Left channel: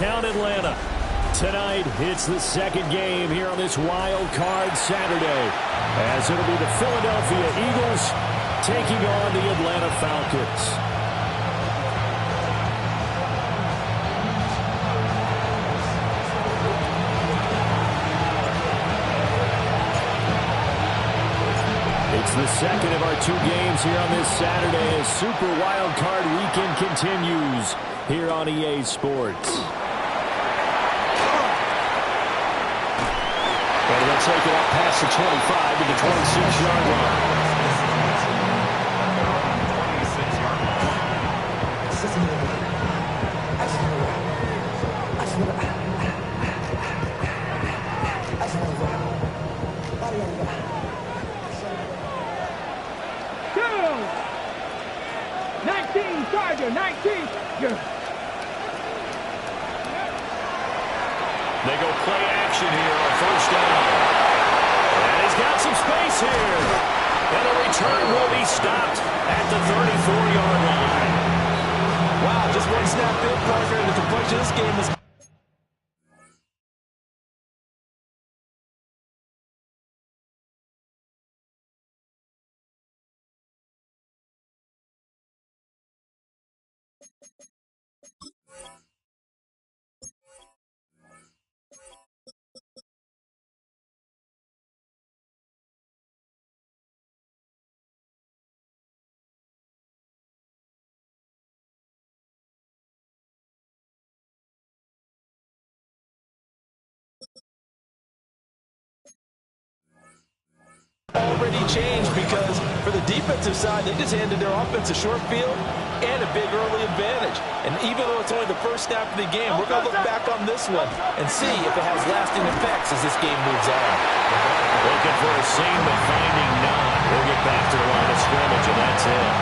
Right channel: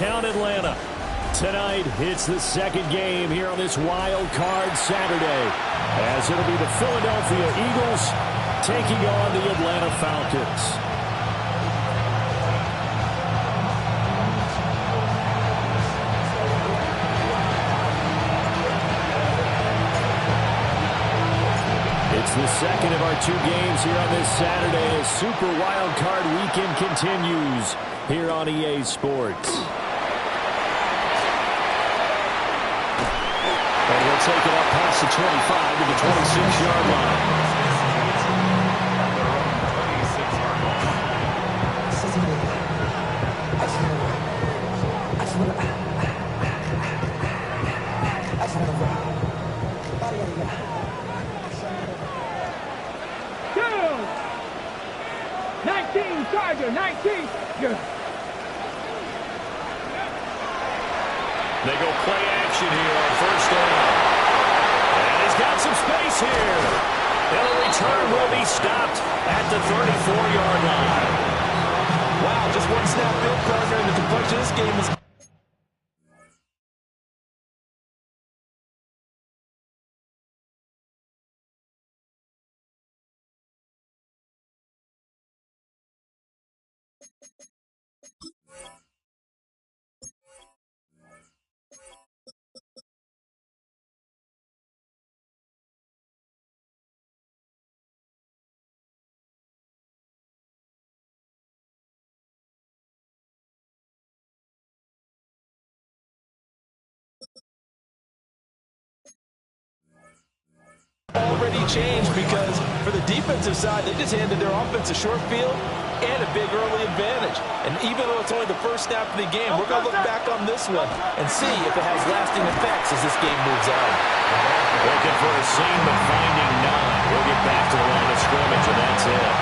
downtown Atlanta. Tonight, it's the second game here on this wild card Saturday, as it'll be the Philadelphia Eagles taking on the Atlanta Falcons. It's the second of our two games here on this Saturday as Super Wild Card Weekend continues here on EA Sports. And he'll take it up past the 25 to the 26-yard line. Charger, 19. They go play action here on first down. And he's got some space here. And the return will be stopped at the 34-yard line. Wow, just one snap field, partner, and the complexion of this game is... already changed because for the defensive side, they just handed their offense a short field and a big early advantage. And even though it's only the first snap of the game, we're going to look back on this one and see if it has lasting effects as this game moves on. Looking for a seam, but finding none. He'll get back to the line of scrimmage, and that's it.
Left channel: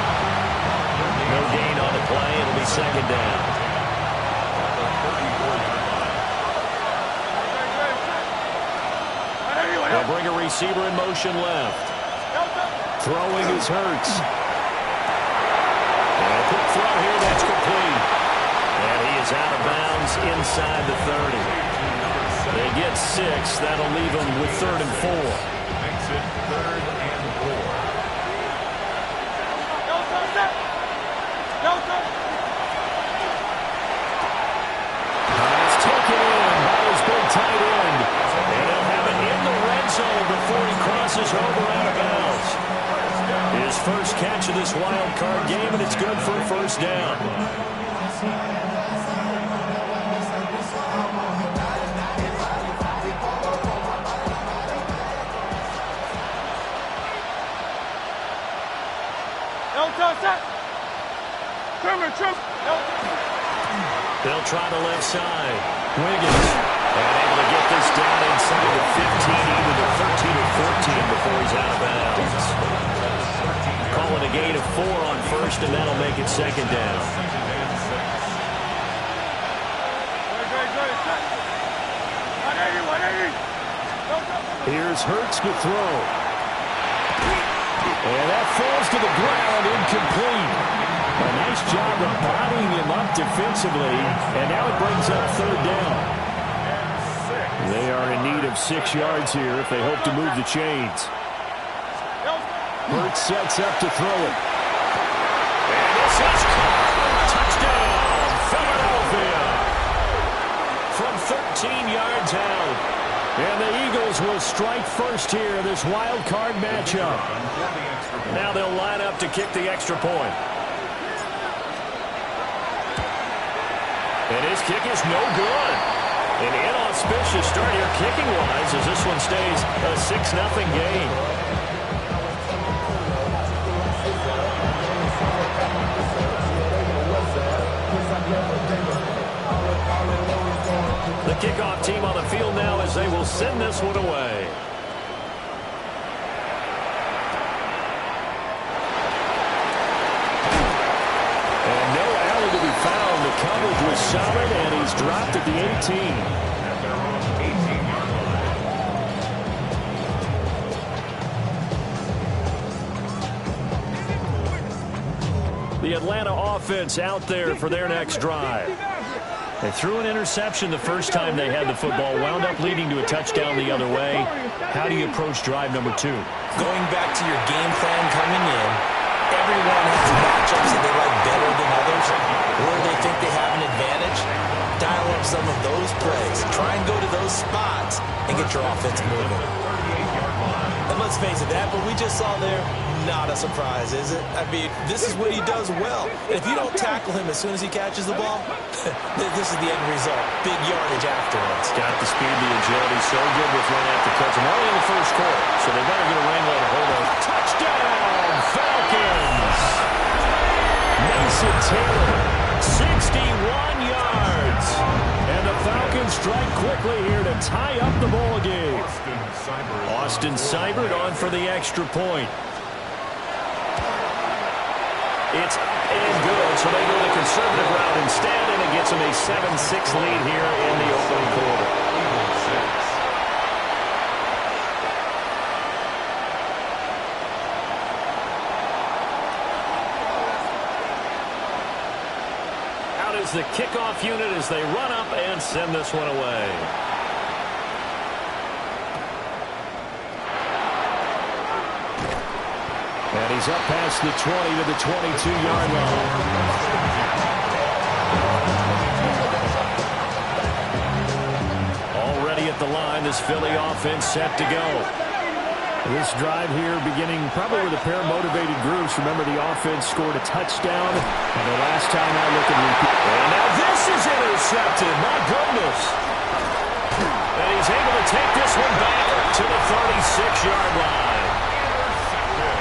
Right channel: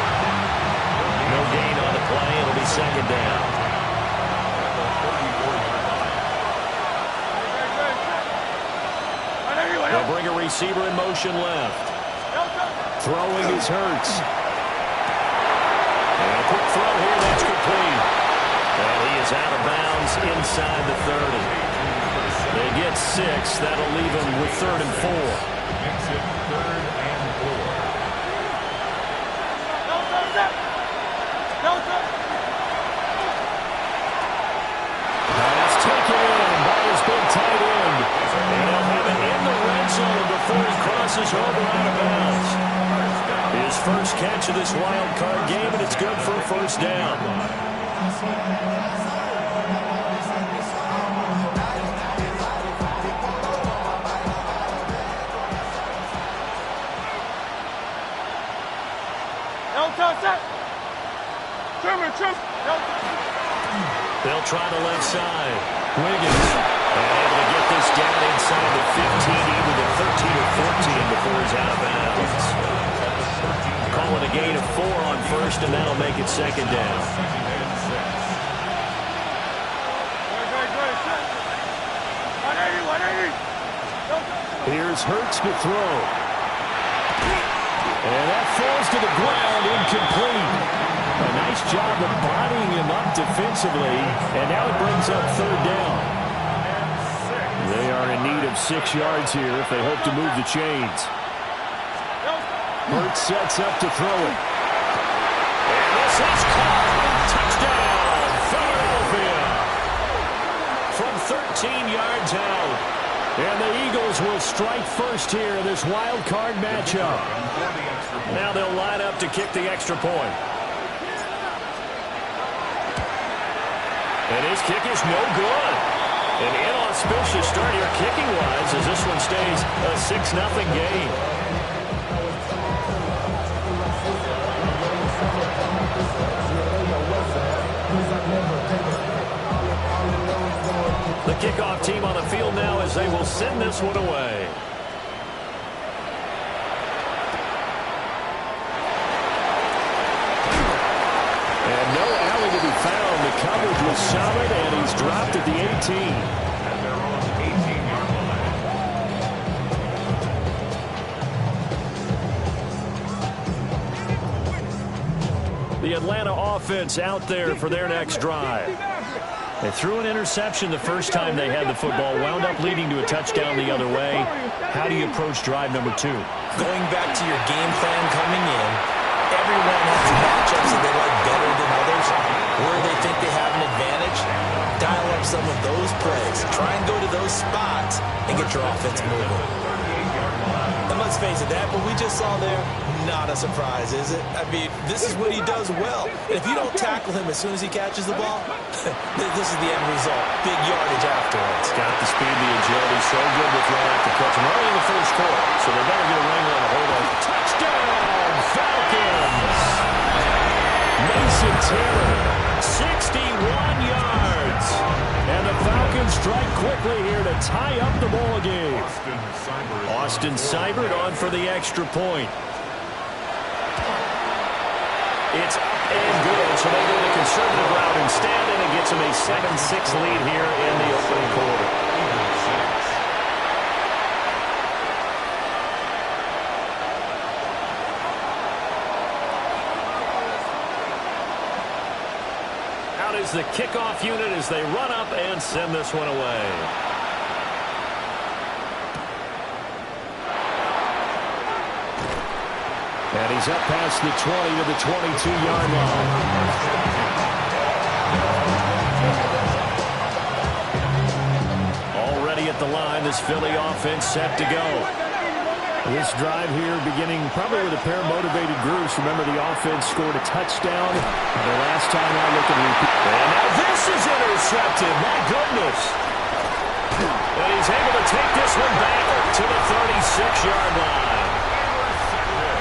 No gain on the play. It'll be second down. They'll bring a receiver in motion left. Throwing is Hurts. And a quick throw here, that's complete. And he is out of bounds inside the 30. They get 6. That'll leave them with 3rd and 4. Makes it 3rd and 4. Pass taken in by his big tight end. And he'll have it in the red zone before he crosses over out of bounds. His first catch of this wild card game, and it's good for a first down. They'll try the left side. Wiggins. And able to get this down inside the 15, either the 13 or 14 before he's out of bounds. Call it a gain of 4 on first, and that'll make it second down. Here's Hurts to throw. And that falls to the ground, incomplete. A nice job of bodying him up defensively, and now it brings up 3rd down. They are in need of 6 yards here if they hope to move the chains. Hurts sets up to throw it. And this is caught. Touchdown, Philadelphia. From 13 yards out. And the Eagles will strike first here in this wild card matchup. Now they'll line up to kick the extra point. And his kick is no good. An inauspicious start here kicking-wise as this one stays a 6-0 game. The kickoff team on the field now as they will send this one away. And no alley to be found. The coverage was solid, and he's dropped at the 18. At their own 18-yard line. The Atlanta offense out there for their next drive. They threw an interception the first time they had the football, wound up leading to a touchdown the other way. How do you approach drive number 2? Going back to your game plan coming in, everyone has matchups that they like better than others, where they think they have an advantage. Dial up some of those plays. Try and go to those spots and get your offense moving. And let's face it, that what we just saw there, not a surprise, is it? I mean, this is what he does well. And if you don't tackle him as soon as he catches the ball, this is the end result. Big yardage afterwards. Got the speed, the agility, so good with run after catch. I'm only in the first quarter, so they better get a wrangle and a hold on. Touchdown, Falcons! Mason Taylor, 61 yards. And the Falcons strike quickly here to tie up the ball game. Austin Seibert on for the extra point. It's up and good, so they go the conservative route instead, and it gets them a 7-6 lead here in the opening quarter. Out is the kickoff unit as they run up and send this one away. And he's up past the 20 to the 22-yard line. Already at the line, this Philly offense set to go. This drive here beginning probably with a pair of motivated groups. Remember, the offense scored a touchdown their last time out. Look at repeat. And now this is intercepted. My goodness. And he's able to take this one back to the 36-yard line.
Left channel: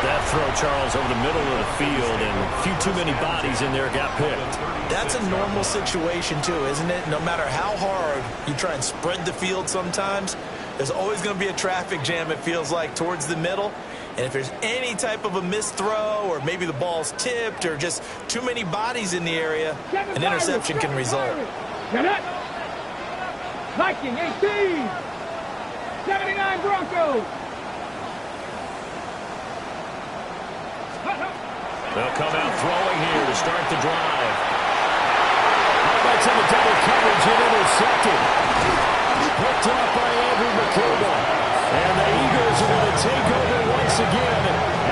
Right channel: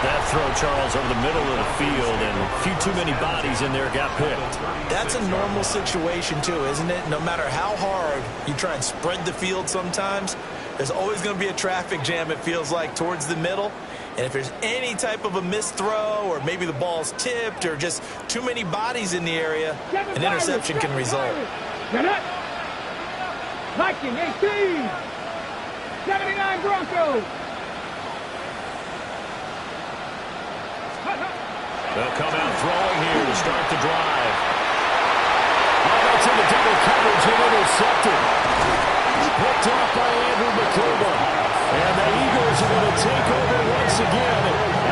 That throw, Charles, over the middle of the field, and a few too many bodies in there got picked. That's a normal situation, too, isn't it? No matter how hard you try and spread the field sometimes, there's always going to be a traffic jam, it feels like, towards the middle. And if there's any type of a missed throw, or maybe the ball's tipped, or just too many bodies in the area, an interception can result. Viking 18, 79 Broncos. They'll come out throwing here to start the drive. Oh, that's in the double coverage and intercepted. Picked off by Andrew McCouba. And the Eagles are going to take over once again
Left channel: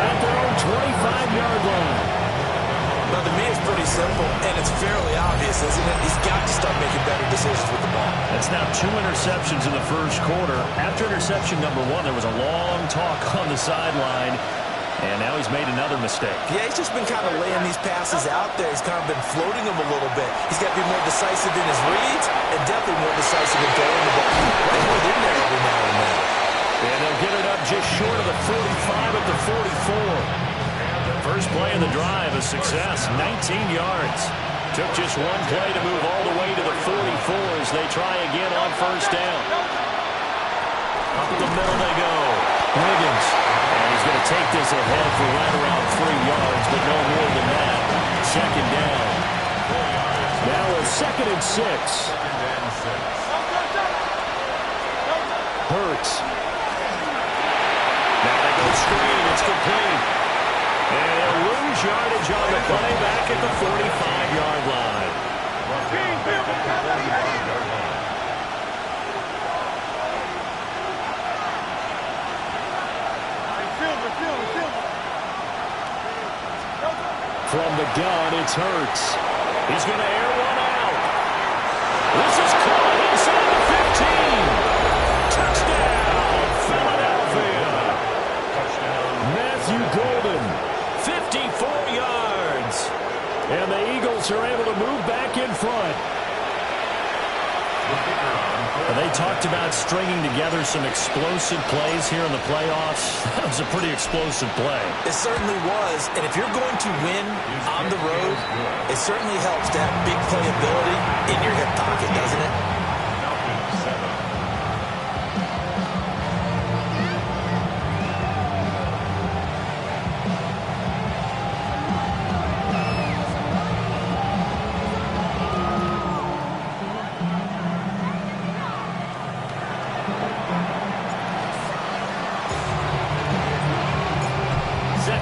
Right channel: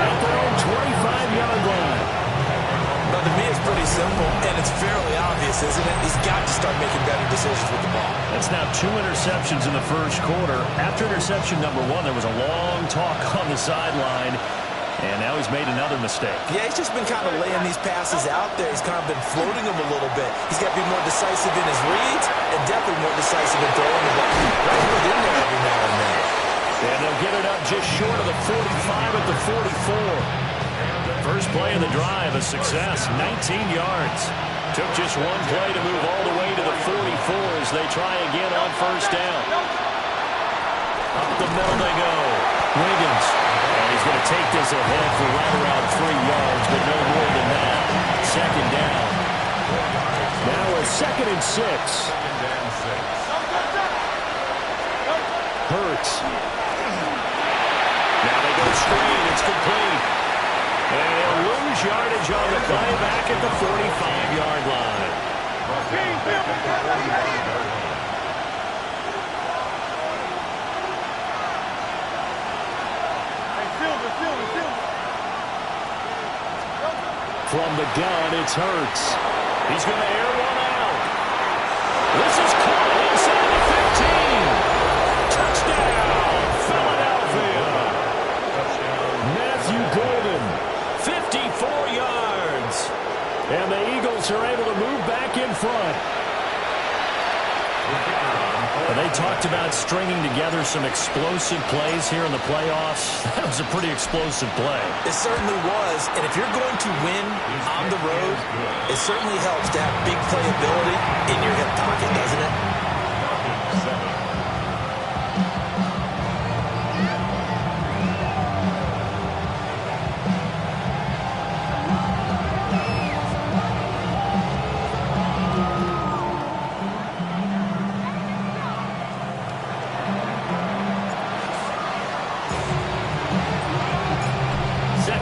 at their own 25-yard line. But to me, it's pretty simple, and it's fairly obvious, isn't it? He's got to start making better decisions with the ball. That's now 2 interceptions in the first quarter. After interception number 1, there was a long talk on the sideline. And now he's made another mistake. Yeah, he's just been kind of laying these passes out there. He's kind of been floating them a little bit. He's got to be more decisive in his reads and definitely more decisive in throwing the ball. Right in there every now and then. And they'll get it up just short of the 45 at the 44. First play of the drive, a success, 19 yards. Took just one play to move all the way to the 44 as they try again on first down. Up the middle they go. Wiggins. And he's going to take this ahead for right around 3 yards, but no more than that. Second down. Now a 2nd and 6. Hurts. Now they go screen. It's complete. And he'll lose yardage on the play back at the 45-yard line. From the gun, it's Hurts. He's going to air one out. This is caught inside the 15. Touchdown, Philadelphia. Matthew Golden, 54 yards. And the Eagles are able to move back in front. They talked about stringing together some explosive plays here in the playoffs. That was a pretty explosive play. It certainly was. And if you're going to win on the road, it certainly helps to have big playability in your hip pocket, doesn't it?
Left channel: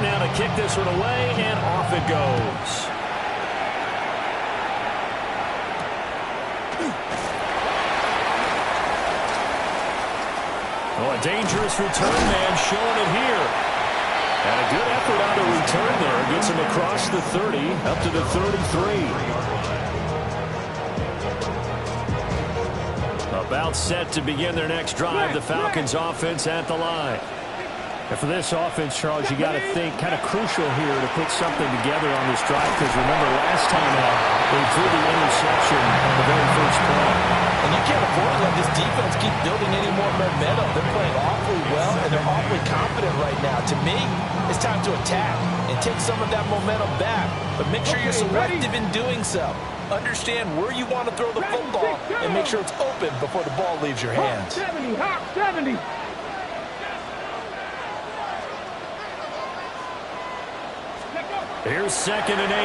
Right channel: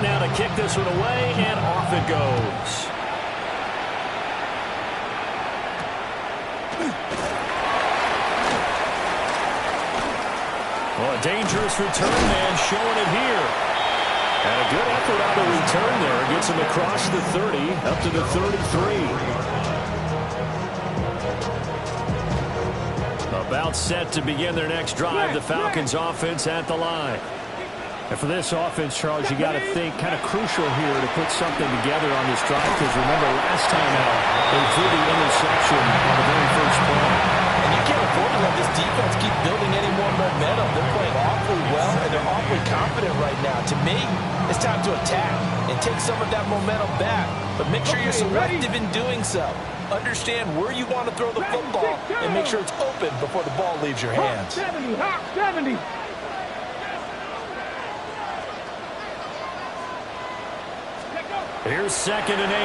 Now to kick this one away, and off it goes. Well, a dangerous return man showing it here. And a good effort on the return there. Gets him across the 30, up to the 33. About set to begin their next drive. The Falcons offense at the line. And for this offense, Charles, you got to think kind of crucial here to put something together on this drive, because remember last time out they threw the interception on the very first play. And you can't afford to let this defense keep building any more momentum. They're playing awfully well, and they're awfully confident right now. To me, it's time to attack and take some of that momentum back. But make sure you're selective in doing so. Understand where you want to throw the football and make sure it's open before the ball leaves your hands. 70, hop 70. Here's 2nd and 8.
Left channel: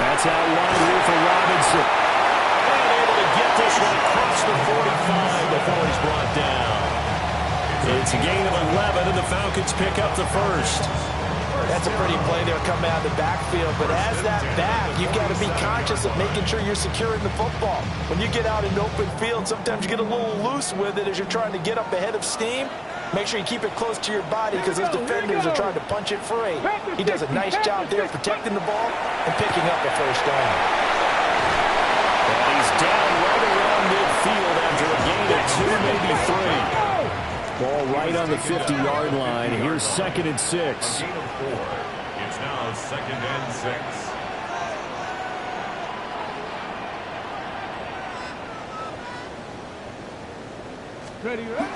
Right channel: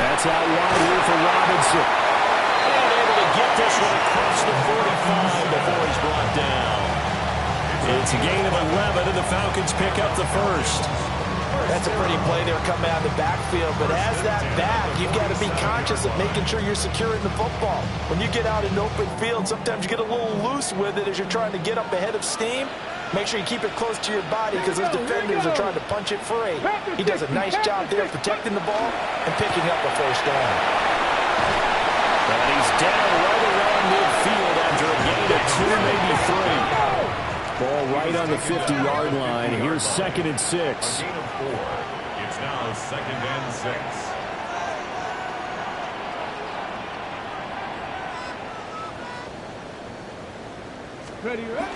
That's out wide here for Robinson. And able to get this one across the 45 before he's brought down. It's a gain of 11, and the Falcons pick up the first. That's a pretty play there coming out of the backfield. But as that back, you've got to be conscious of making sure you're securing the football. When you get out in open field, sometimes you get a little loose with it as you're trying to get up ahead of steam. Make sure you keep it close to your body because those defenders are trying to punch it free. He does a nice job there protecting the ball and picking up a first down. And he's down right around midfield after a gain of 2, maybe 3. Ball right on the 50-yard line. Here's 2nd and 6. Gain of 4. It's now 2nd and 6. Ready, ready.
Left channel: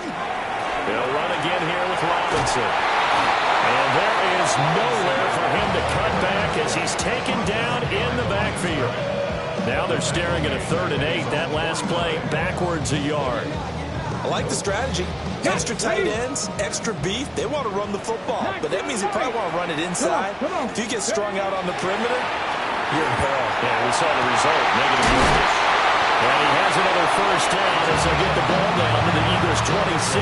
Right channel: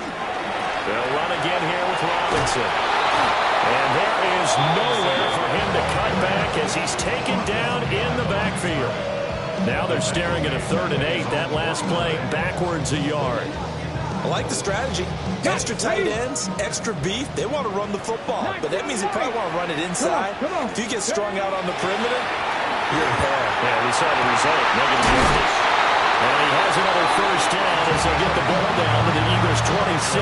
They'll run again here with Robinson. And there is nowhere for him to cut back as he's taken down in the backfield. Now they're staring at a 3rd and 8. That last play backwards a yard. I like the strategy. Extra tight ends, extra beef. They want to run the football, but that means they probably want to run it inside. If you get strung out on the perimeter, you're in peril. Yeah, we saw the result, negative yardage. And he has another first down as they get the ball down to the Eagles' 26.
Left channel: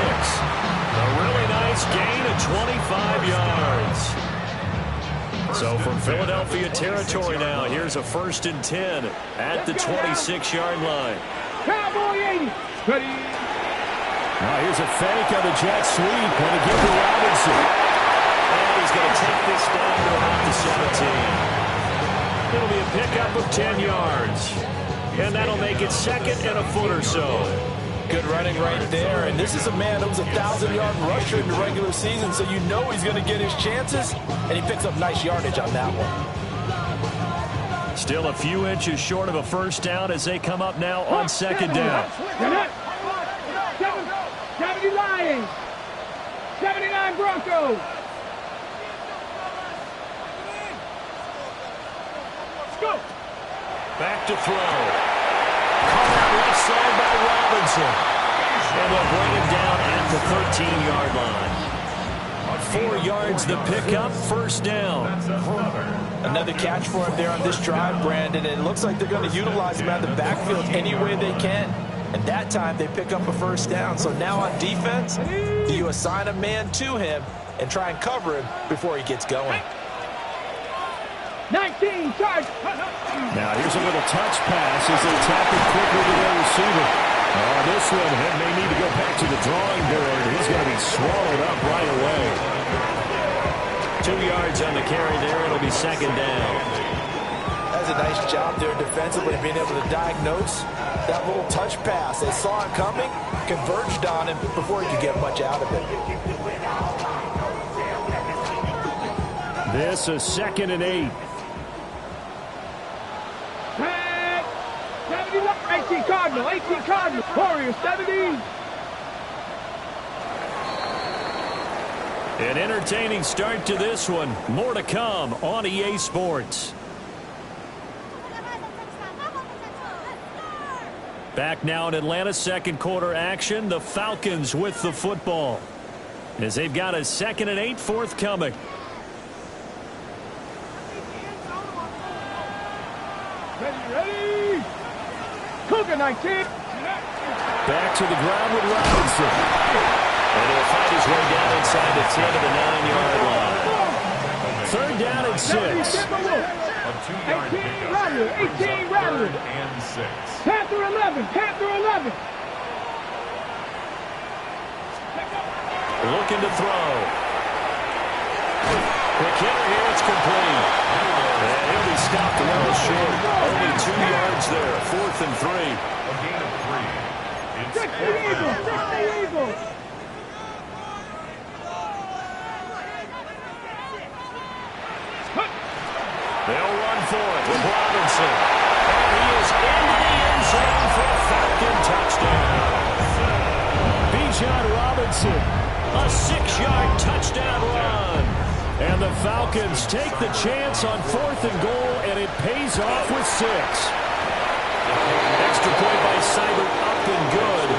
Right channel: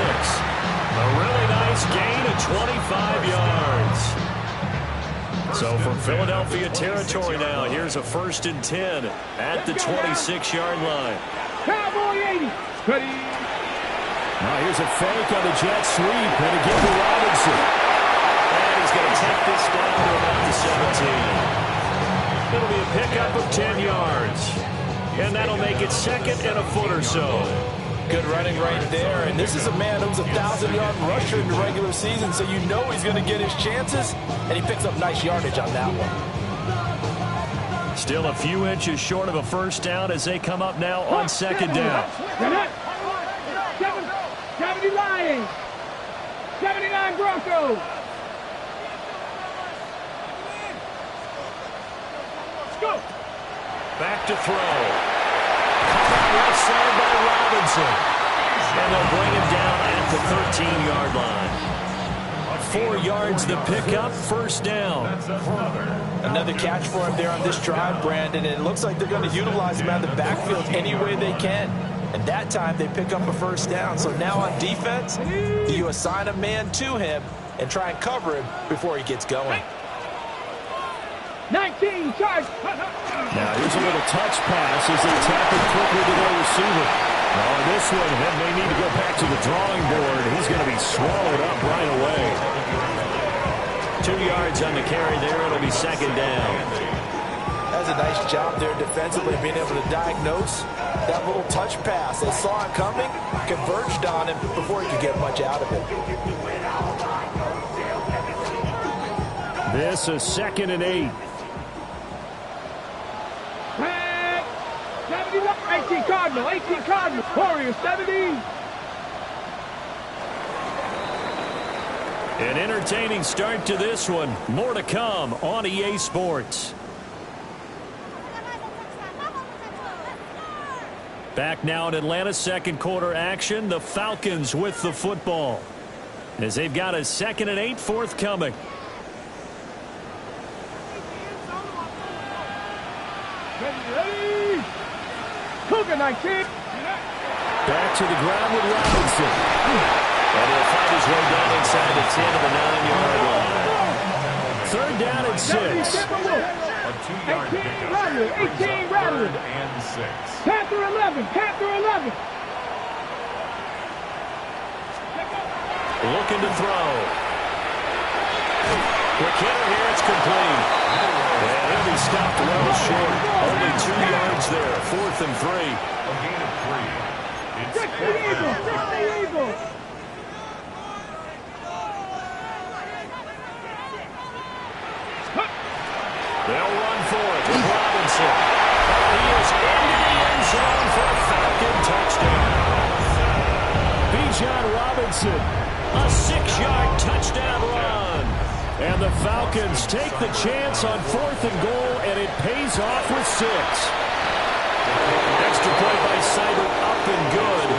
A really nice gain of 25 yards. So from Philadelphia territory now, here's a 1st and 10 at the 26-yard line. Cowboy 80. Ready. Now here's a fake on the jet sweep, and a give to Robinson. And he's going to take this down to about the 17. It'll be a pickup of 10 yards. And that'll make it 2nd and a foot or so. Good running right there. And this is a man who was a 1,000-yard rusher in the regular season, so you know he's going to get his chances. And he picks up nice yardage on that one. Still a few inches short of a first down as they come up now on 2nd down. 70 Lions. 79 Broncos. Let's go. Back to throw. Caught out left side by Robinson. And they'll bring him down at the 13-yard line. 4 yards the pickup, first down. Another catch for him there on this drive, Brandon. And it looks like they're going to utilize him out of the backfield any way they can. And that time they pick up a first down. So now on defense, you assign a man to him and try and cover him before he gets going. 19 charge. Now here's a little touch pass as they tap it quickly to their receiver. Oh, this one may need to go back to the drawing board. He's going to be swallowed up right away. 2 yards on the carry there. It'll be 2nd down. That's a nice job there defensively, being able to diagnose that little touch pass. They saw it coming, converged on him before he could get much out of it. This is 2nd and 8. 18 Cardinal, 18 Cardinal, Warriors 70. An entertaining start to this one. More to come on EA Sports. Back now in Atlanta, 2nd quarter action. The Falcons with the football as they've got a 2nd and 8 forthcoming. Ready. Cougar 19. Back to the ground with Robinson. And he'll find his way down inside the 10 to the 9-yard line. 3rd down and 6. A 2-yard pickup. 18 Rattler. 3rd and 6. Panther 11. Panther 11. Looking to throw. Quick hitter here, it's complete. And he'll be stopped well short. Only 2 yards there, 4th and 3. A gain of 3. It's fourth down. They'll run for it with Robinson. And he is into the end zone for a Falcon touchdown. Bijan Robinson, A 6-yard touchdown run. and the Falcons take the chance on 4th and goal, and it pays off with 6. Extra point by Seibert, up and good.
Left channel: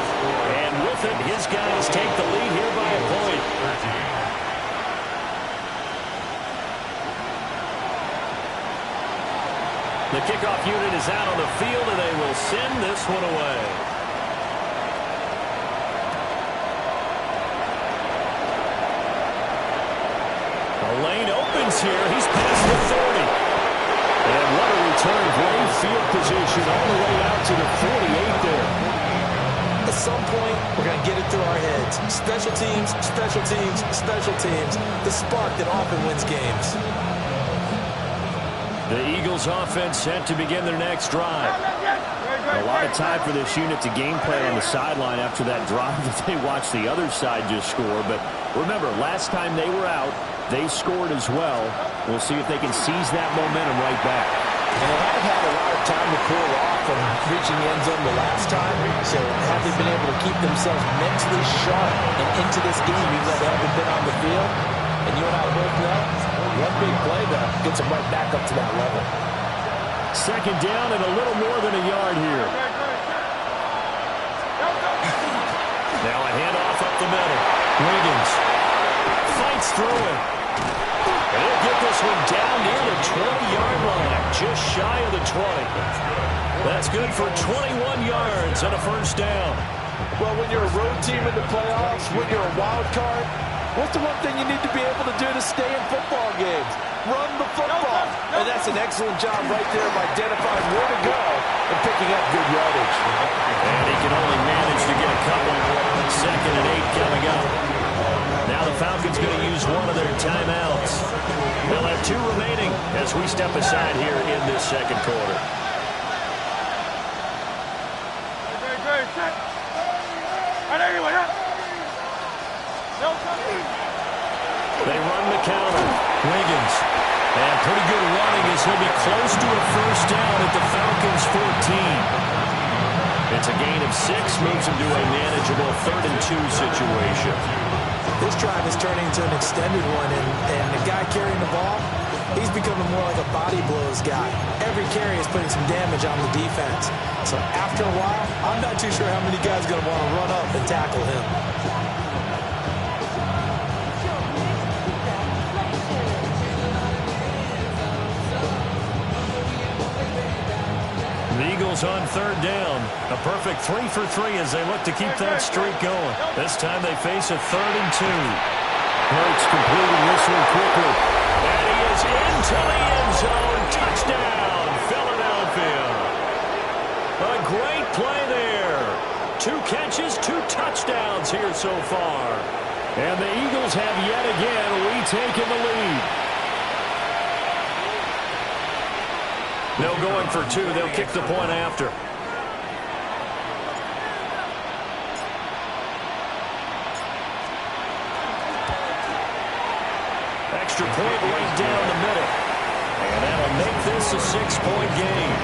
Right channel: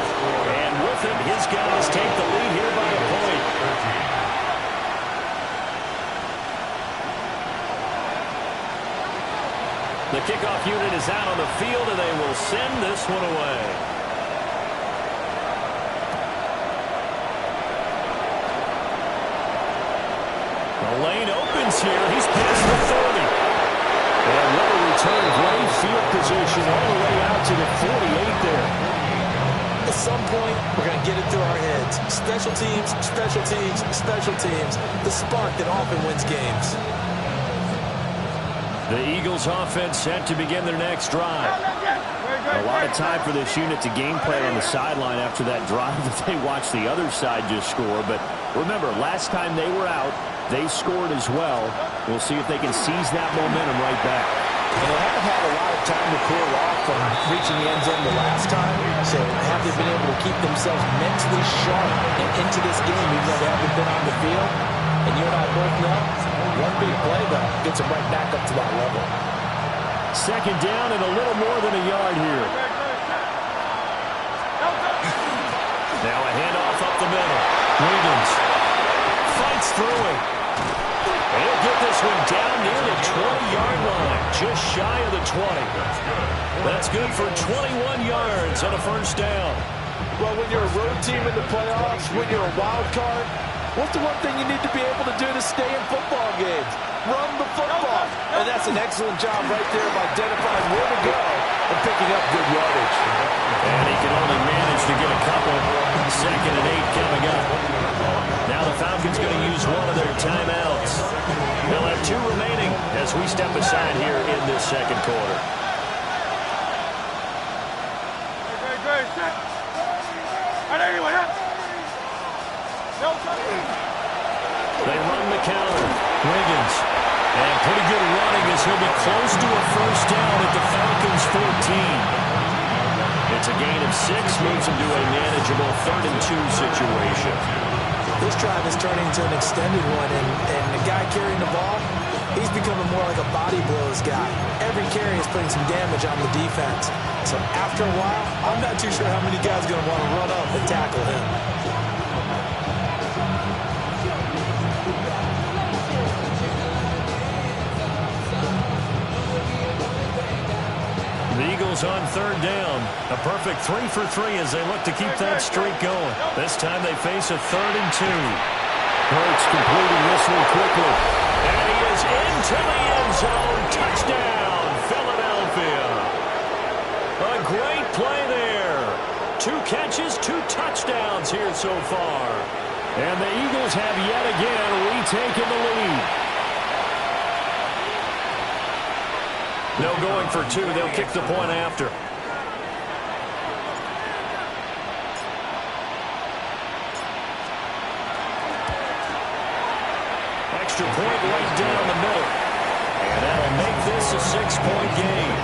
And with it, his guys take the lead here by a point. The kickoff unit is out on the field, and they will send this one away. The lane opens here. He's past the 30. And what a return. Great field position all the way out to the 48 there. At some point, we're going to get it through our heads. Special teams, special teams, special teams. The spark that often wins games. The Eagles offense set to begin their next drive. A lot of time for this unit to game plan on the sideline after that drive that they watched the other side just score. But remember, last time they were out, they scored as well. We'll see if they can seize that momentum right back. And they have had a lot of time to cool off from reaching the end zone the last time. So have they been able to keep themselves mentally sharp and into this game even though they haven't been on the field? And you and I both know, one big play, though, gets them right back up to that level. 2nd down and a little more than a yard here. Now a handoff up the middle. Wiggins fights through it. And he'll get this one down near the 20-yard line, just shy of the 20. That's good for 21 yards and a 1st down. Well, when you're a road team in the playoffs, when you're a wild card, what's the one thing you need to be able to do to stay in football games? Run the football. And that's an excellent job right there of identifying where to go and picking up good yardage. And he can only manage to get a couple. 2nd and 8 coming up. Now the Falcons going to use one of their timeouts. They'll have 2 remaining as we step aside here in this 2nd quarter. They run the counter. Wiggins. And pretty good running as he'll be close to a 1st down at the Falcons' 14. It's a gain of 6, moves him to a manageable 3rd and 2 situation. This drive is turning into an extended one, and the guy carrying the ball, he's becoming more like a body blows guy. Every carry is putting some damage on the defense. So after a while, I'm not too sure how many guys are going to want to run up and tackle him. The Eagles on 3rd down. A perfect 3 for 3 as they look to keep that streak going. This time they face a 3rd and 2. Hurts completing this one quickly. And he is into the end zone. Touchdown, Philadelphia. A great play there. 2 catches, 2 touchdowns here so far. And the Eagles have yet again retaken the lead. No going for 2. They'll kick the point after. Extra point right down the middle. And that'll make this a 6-point game.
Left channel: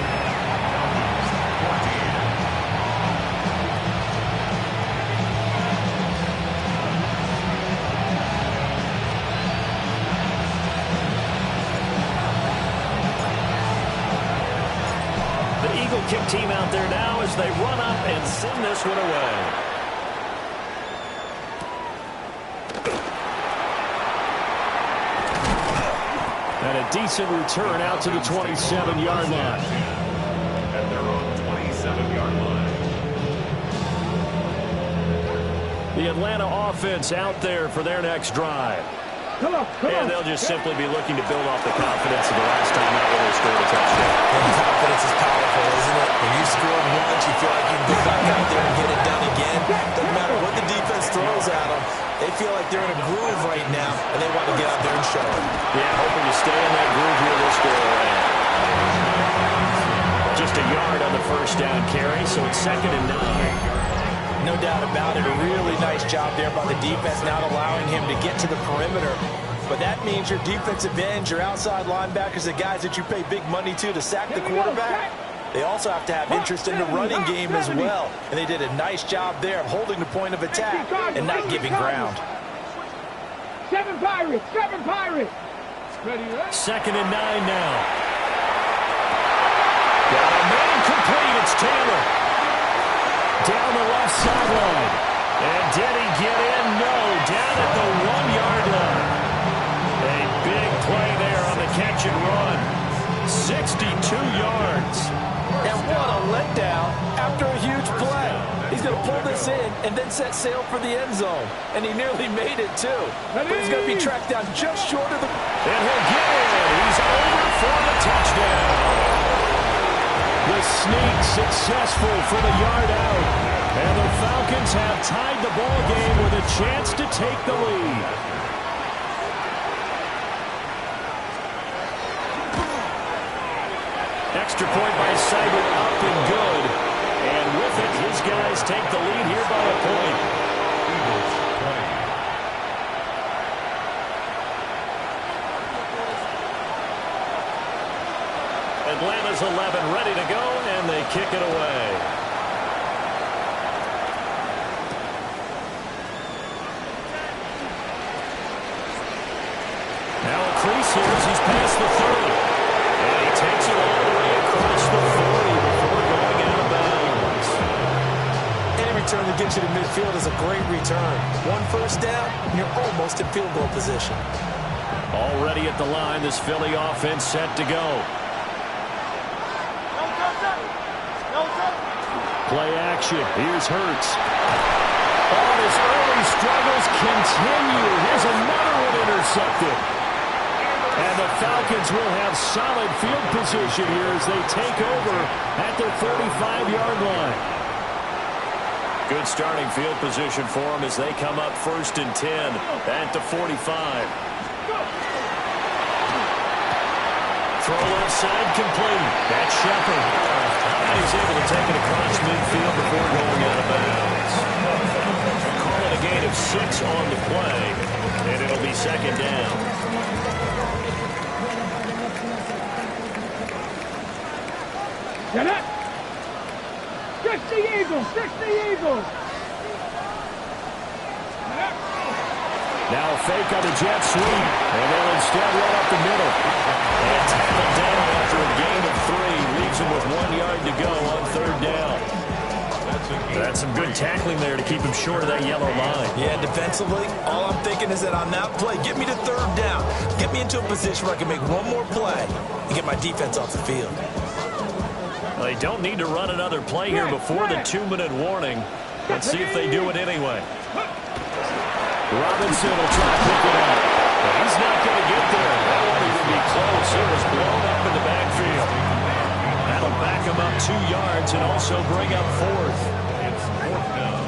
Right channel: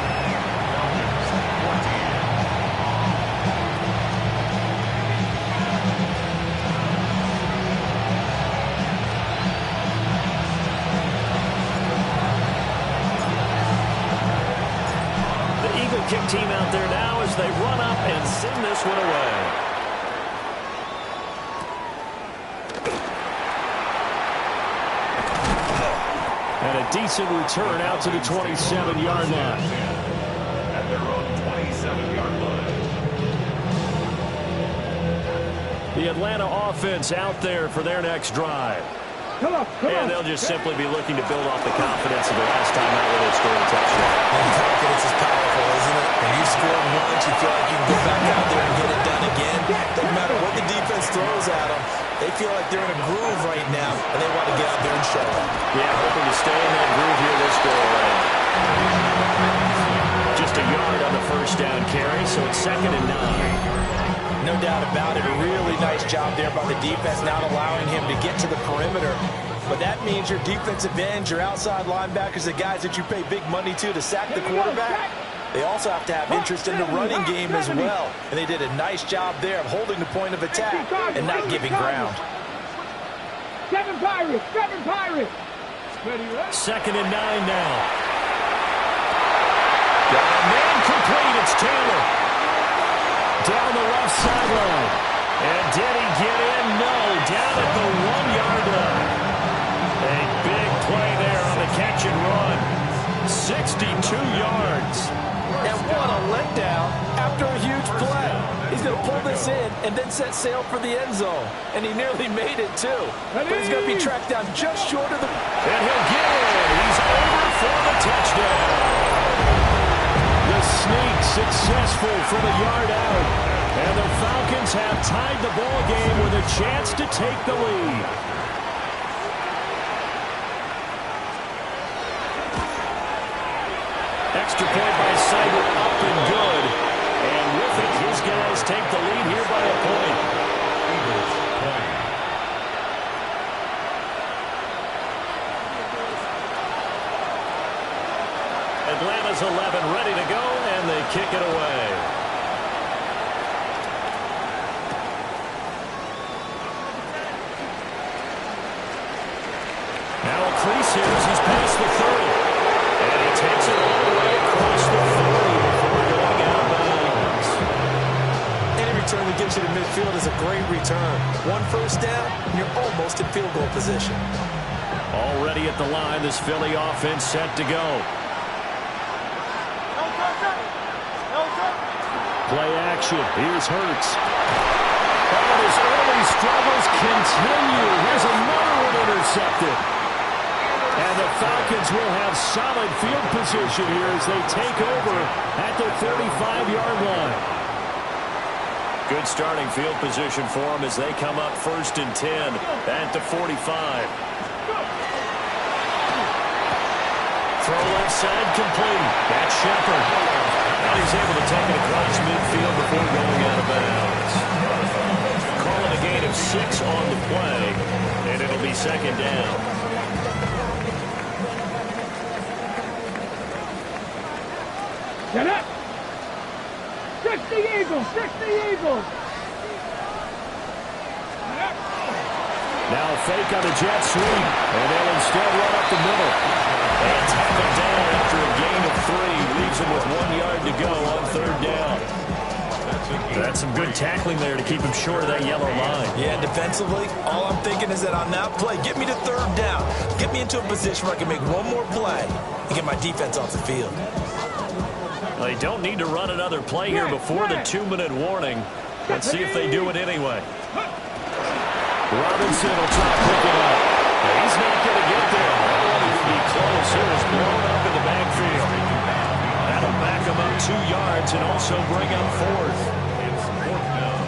Kick team out there now as they run up and send this one away. And a decent return out to the 27-yard line. At their own 27-yard line. The Atlanta offense out there for their next drive. And they'll just simply be looking to build off the confidence of the last time out where they scored a touchdown. And confidence is powerful, isn't it? When you scored once, you feel like you can go back out there and get it done again. Doesn't matter what the defense defense throws at them, they feel like they're in a groove right now, and they want to get out there and show it. Yeah, hoping to stay in that groove here this go-around. Just a yard on the first down carry, so it's 2nd and 9. No doubt about it. A really nice job there by the defense, not allowing him to get to the perimeter. But that means your defensive ends, your outside linebackers, the guys that you pay big money to sack the quarterback, they also have to have interest in the running game as well. And they did a nice job there of holding the point of attack and not giving ground. 7 Pirates, 7 Pirates. 2nd and 9 now. Got a man complete. It's Taylor. Down the left sideline. And did he get in? No. Down at the 1-yard line. A big play there on the catch and run. 62 yards. And what a letdown after a huge play. He's going to pull this in and then set sail for the end zone. And he nearly made it, too. But he's going to be tracked down just short of the... And he'll get in. He's over for the touchdown. The sneak successful from a yard out. And the Falcons have tied the ball game with a chance to take the lead. Extra point by Seibert, up and good. And with it, his guys take the lead here by a point. Eagles 20. Atlanta's 11 ready to go, and they kick it away. Now a crease here as he's past the 30. And he takes it all the way across the 40 before going out of bounds. Any return that gets you to midfield is a great return. 1 first down, and you're almost in field goal position. Already at the line, this Philly offense set to go. Play action. Here's Hurts. Oh, his early struggles continue. Here's another one intercepted. And the Falcons will have solid field position here as they take over at their 45-yard line. Good starting field position for them as they come up 1st and 10 at the 45. Throw left side complete. That's Shepard. And he's able to take it across midfield before going out of bounds. Call it a gain of 6 on the play, and it'll be 2nd down. Get up! 60 Eagles! 60 Eagles! Now a fake on the jet sweep, and they'll instead run up the middle. And tackled down after a gain of 3. Leaves him with 1 yard to go on 3rd down. That's some good tackling there to keep him short of that yellow line. Yeah, defensively, all I'm thinking is that on that play, get me to 3rd down. Get me into a position where I can make one more play and get my defense off the field. Well, they don't need to run another play here before the 2-minute warning. Let's see if they do it anyway. Robinson will try to pick it up. But he's not going to get there. That one would be close. It was blown up in the backfield. That'll back him up 2 yards and also bring up 4th. It's 4th down.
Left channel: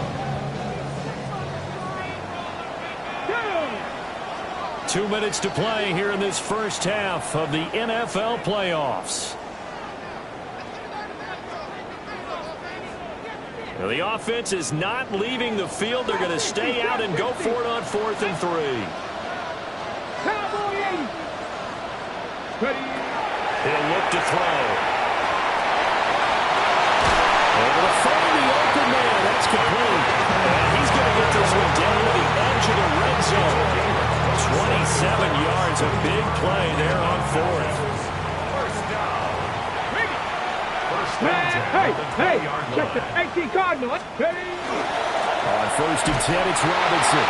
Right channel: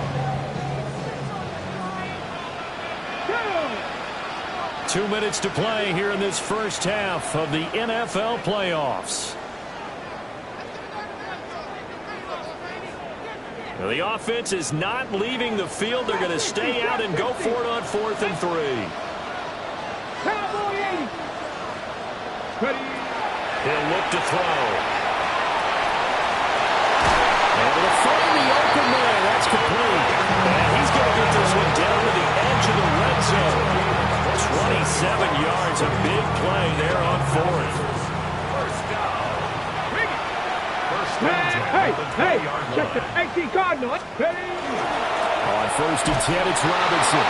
2 minutes to play here in this first half of the NFL playoffs. Now, the offense is not leaving the field. They're going to stay out and go for it on 4th and 3. Cowboy 80. Ready. He'll look to throw. Able to find the open man. That's complete. And he's going to get this one down to the edge of the red zone. 27 yards. A big play there on 4th. First down. Hey, check the 18 Cardinal. Ready. On 1st and 10, it's Robinson.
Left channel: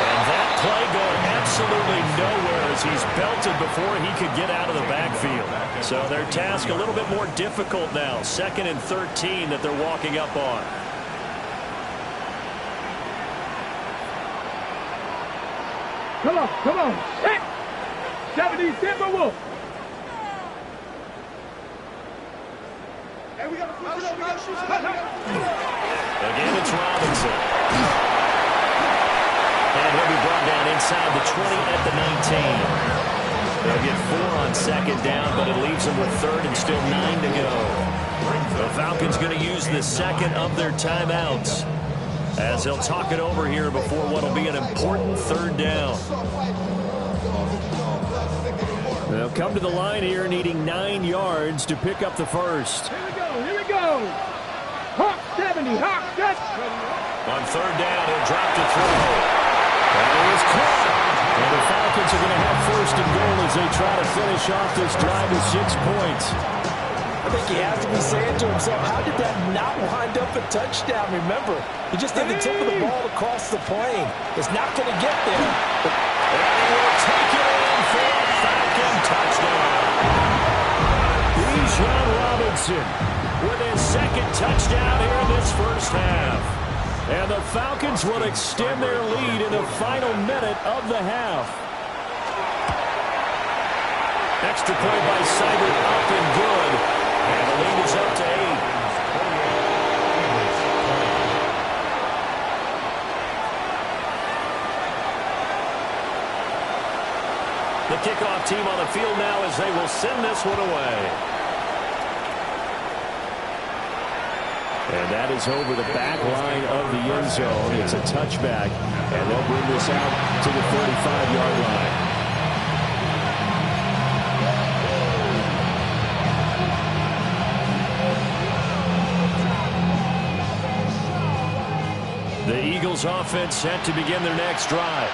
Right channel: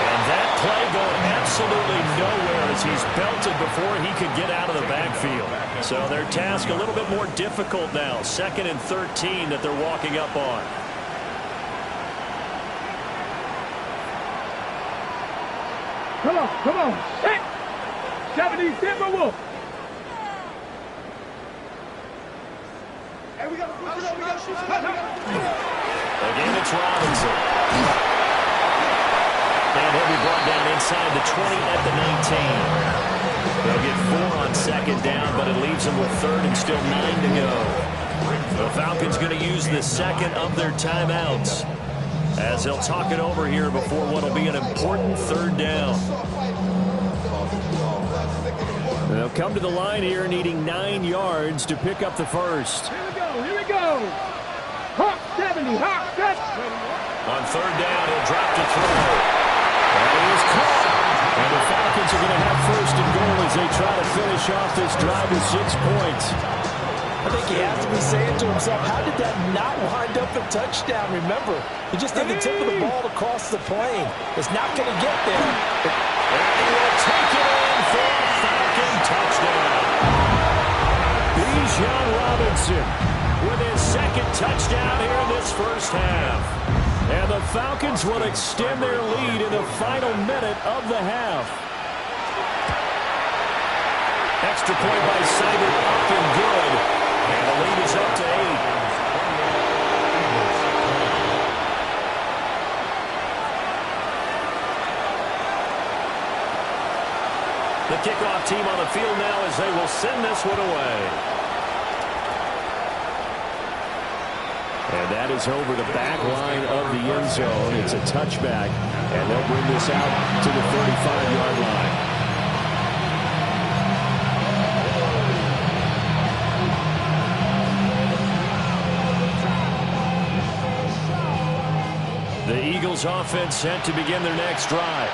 And that play going absolutely nowhere as he's belted before he could get out of the backfield. So their task a little bit more difficult now. 2nd and 13 that they're walking up on. Come on. Set. 70 Timberwolf. Hey, we got to push it up. Again, it's Robinson. And he'll be brought down inside the 20 at the 19. They'll get 4 on second down, but it leaves them with third and still 9 to go. The Falcons going to use the second of their timeouts as they'll talk it over here before what will be an important third down. They'll come to the line here needing 9 yards to pick up the first. Here we go, here we go. Hawk 70, Hawk 70. On third down, he'll drop to throw. That is caught. And the Falcons are going to have first and goal as they try to finish off this drive with 6 points. I think he has to be saying to himself, how did that not wind up a touchdown? Remember, he just did the tip of the ball to cross the plane. It's not going to get there. And he will take it in for a Falcon touchdown. Bijan Robinson With his second touchdown here in this first half. And the Falcons will extend their lead in the final minute of the half. Extra point by Seibert, up and good. And the lead is up to 8. The kickoff team on the field now as they will send this one away. And that is over the back line of the end zone. It's a touchback, and they'll bring this out to the 35-yard line. The Eagles offense set to begin their next drive.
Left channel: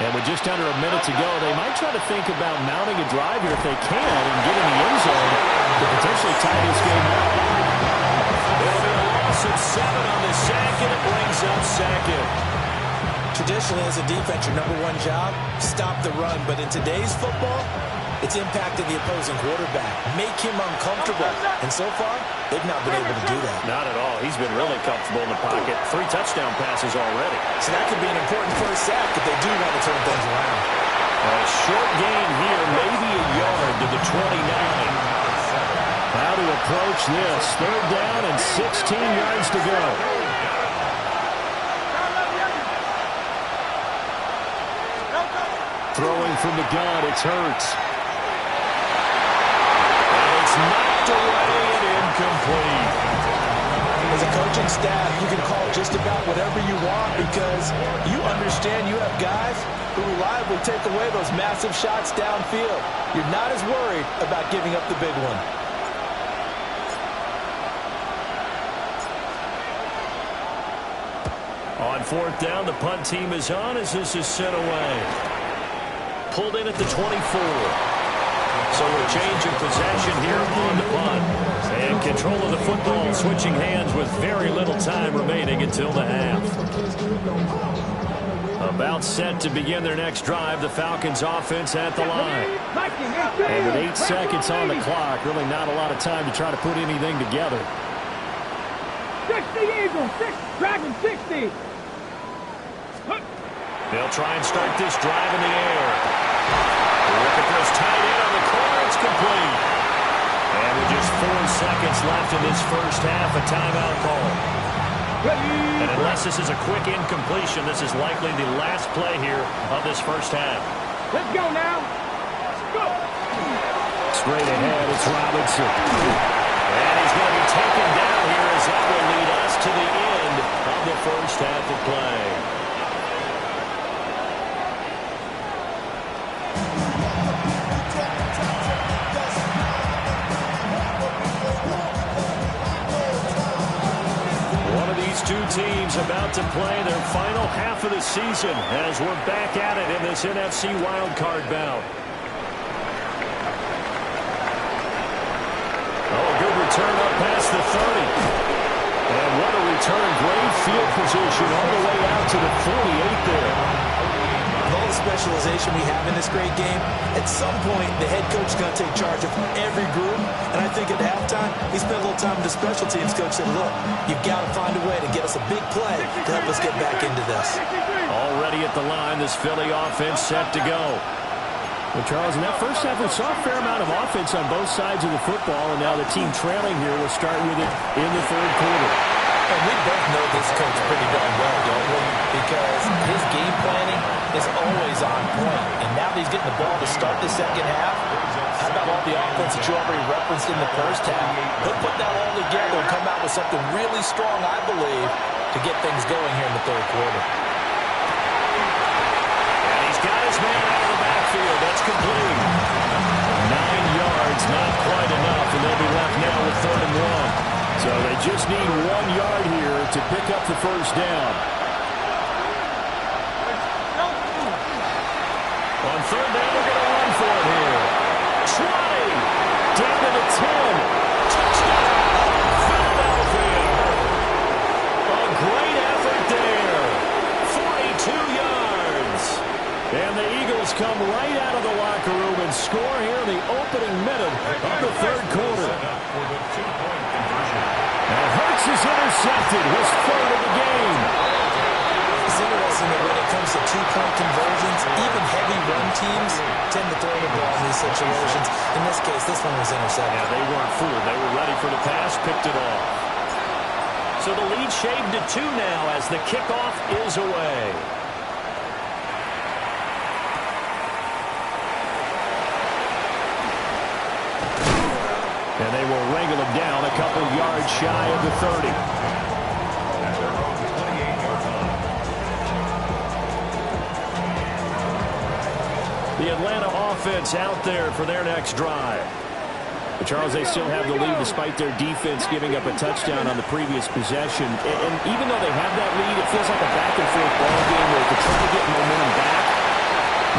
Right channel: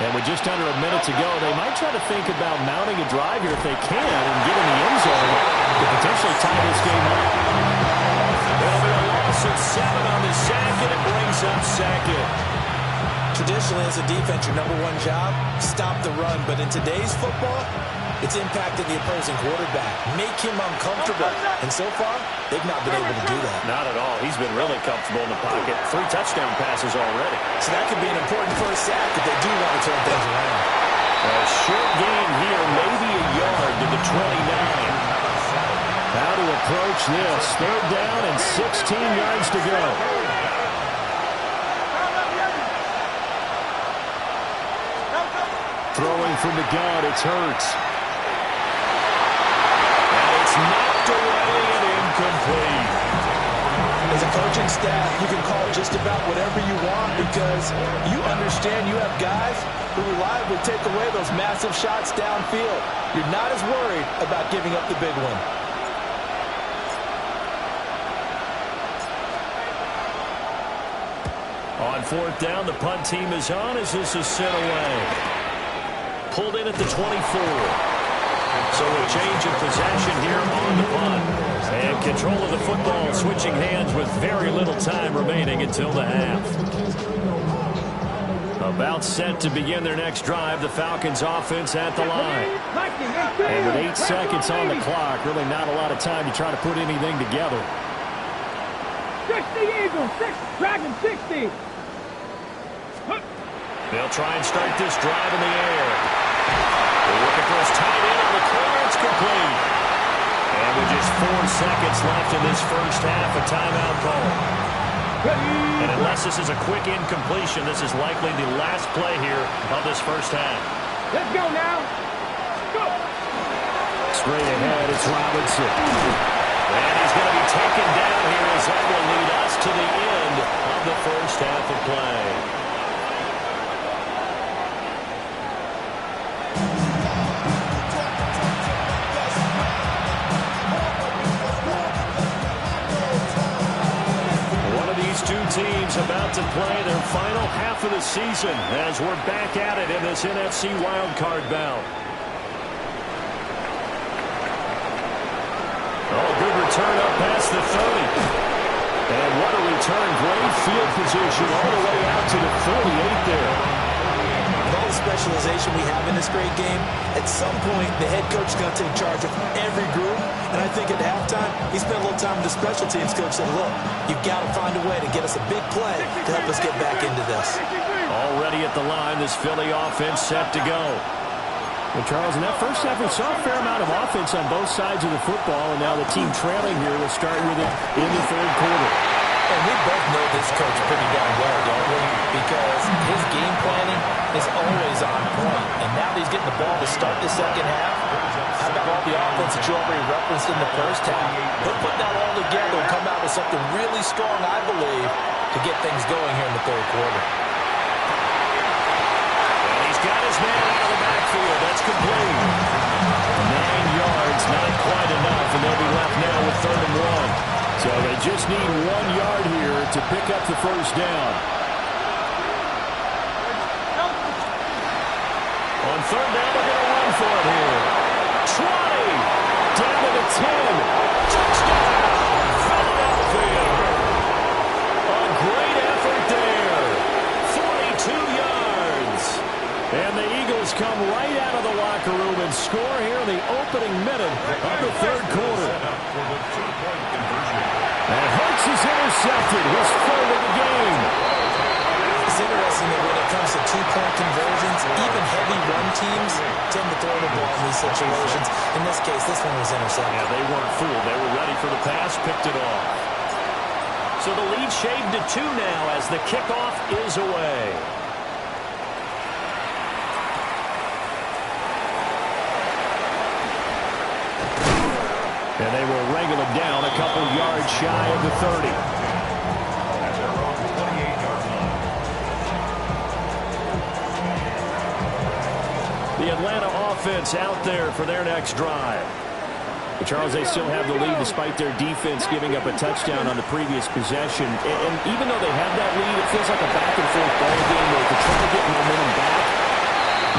And with just under a minute to go, they might try to think about mounting a drive here if they can and get in the end zone to potentially tie this game up. It'll be a loss of 7 on the sack, and it brings up second. Traditionally, as a defense, your number one job, stop the run. But in today's football, it's impacting the opposing quarterback. Make him uncomfortable. And so far, they've not been able to do that. Not at all. He's been really comfortable in the pocket. 3 touchdown passes already. So that could be an important first sack if they do want to turn things around. A short gain here, maybe a yard to the 29. How to approach this. Third down and 16 yards to go. Throwing from the gun, it's Hurts. And it's knocked away and incomplete. As a coaching staff, you can call just about whatever you want because you understand you have guys who reliably take away those massive shots downfield. You're not as worried about giving up the big one. On fourth down, the punt team is on as this is sent away. Pulled in at the 24. So a change of possession here on the punt. And control of the football switching hands with very little time remaining until the half. About set to begin their next drive, the Falcons offense at the line. And with 8 seconds on the clock, really not a lot of time to try to put anything together. 60 Eagles, Dragon 60. They'll try and start this drive in the air. They're looking for his tight end on the corner. It's complete. And with just 4 seconds left in this first half, a timeout call. And unless this is a quick incompletion, this is likely the last play here of this first half. Let's go now. Go. Straight ahead, it's Robinson. And he's going to be taken down here as that will lead us to the end of the first half of play. These two teams about to play their final half of the season as we're back at it in this NFC wildcard bout. Oh, good return up past the 30. And what a return. Great field position all the way out to the 48 there. With all the specialization we have in this great game, at some point the head coach is going to take charge of every group. And I think at halftime, he spent a little time with the special teams coach and said, look, you've got to find a way to get us a big play to help us get back into this. Already at the line, this Philly offense set to go. Well, Charles, in that first half, we saw a fair amount of offense on both sides of the football, and now the team trailing here will start with it in the third quarter. And we both know this coach pretty darn well, don't we? Because his game planning is always on point. And now that he's getting the ball to start the second half, how about all the offense that you already referenced in the first half? He'll put that all together and come out with something really strong, I believe, to get things going here in the third quarter. And he's got his man out of the backfield. That's complete. 9 yards, not quite enough, and they'll be left now with 3rd and 1. So they just need 1 yard here to pick up the first down. On 3rd down, they're going to run for it here. 20. Down to the 10. Touchdown, Philadelphia. A great effort there. 42 yards. And the Eagles come right out of the locker room and score here in the opening minute of the third quarter. And Hurts is intercepted, his 3rd of the game. It's interesting that when it comes to two-point conversions, even heavy run teams tend to throw the ball in these situations. In this case, this one was intercepted. Yeah, they weren't fooled. They were ready for the pass, picked it off. So the lead shaved to 2 now as the kickoff is away. And they will wrangle him down a couple yards shy of the 30. The Atlanta offense out there for their next drive. But Charles, they still have the lead despite their defense giving up a touchdown on the previous possession. And even though they have that lead, it feels like a back-and-forth ball game where to try to get momentum back,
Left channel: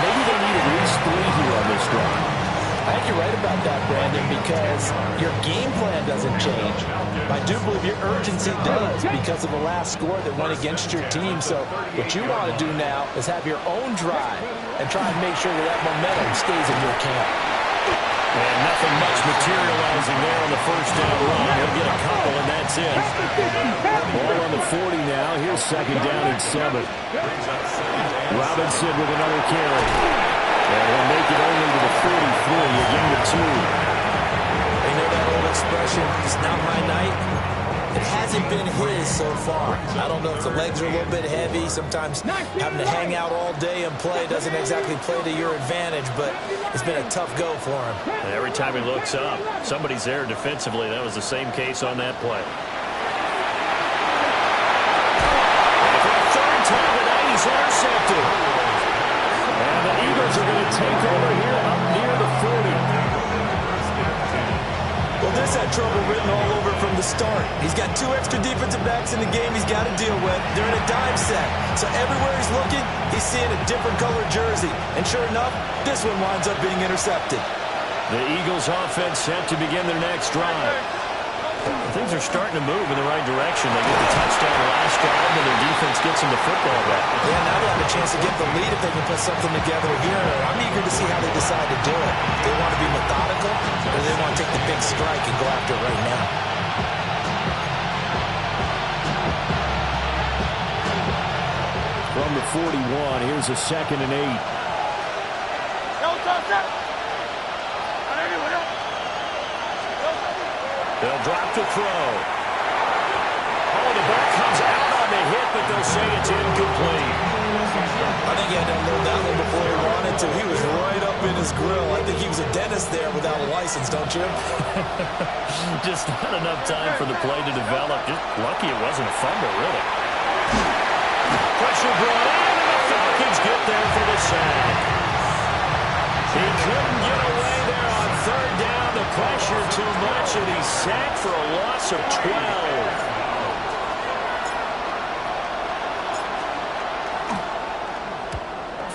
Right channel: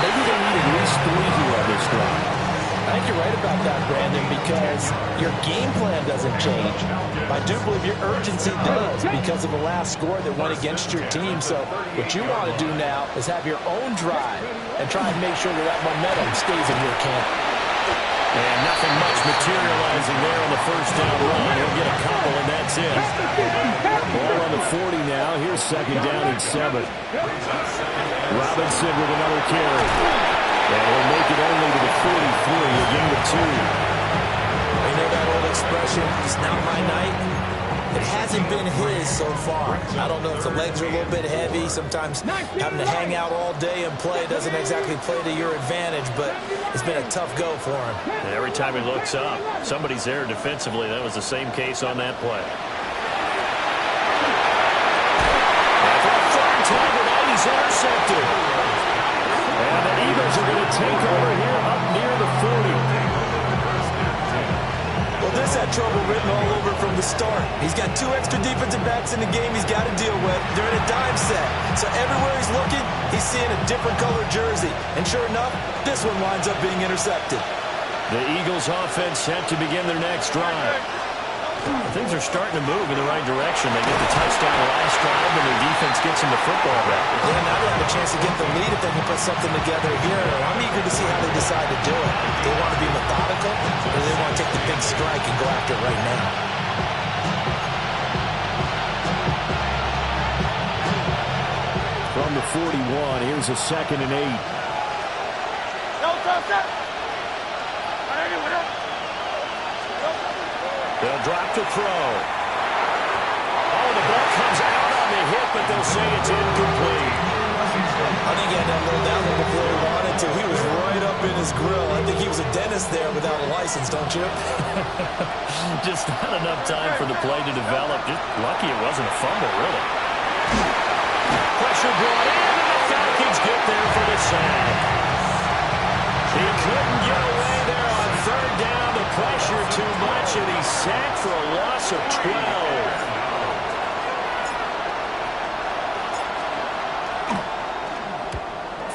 maybe they need at least 3 here on this drive. I think you're right about that, Brandon, because your game plan doesn't change. I do believe your urgency does because of the last score that went against your team. So what you want to do now is have your own drive and try and make sure that that momentum stays in your camp. And nothing much materializing there on the first down run. He'll get a couple, and that's it. Ball on the 40 now. Here's 2nd down and 7. Robinson with another carry. And he'll make it only to the 43, a gain of 2. You know that old expression, it's not my night? It hasn't been his so far. I don't know if the legs are a little bit heavy. Sometimes having to hang out all day and play doesn't exactly play to your advantage, but it's been a tough go for him. And every time he looks up, somebody's there defensively. That was the same case on that play. And for a 3rd time tonight, he's intercepted. And the Eagles are going to take over here up near the 40. Well, this had trouble written all over from the start. He's got 2 extra defensive backs in the game he's got to deal with. They're in a dime set. So everywhere he's looking, he's seeing a different colored jersey. And sure enough, this one winds up being intercepted. The Eagles offense set to begin their next drive. Things are starting to move in the right direction. They get the touchdown last drive, and their defense gets them the football back. Yeah, now they have a chance to get the lead if they can put something together here. I'm eager to see how they decide to do it. They want to be methodical, or they want to take the big strike and go after it right now. From the 41, here's a 2nd and 8. They'll drop to throw. Oh, the ball comes out on the hit, but they'll say it's incomplete. I think he had to unload that one before he wanted to. He was right up in his grill. I think he was a dentist there without a license, don't you? Just not enough time for the play to develop. Just lucky it wasn't a fumble, really. Pressure brought in, and the Falcons get there for the sack. He couldn't get away there on 3rd down. The pressure too much, and he's sacked for a loss of 12.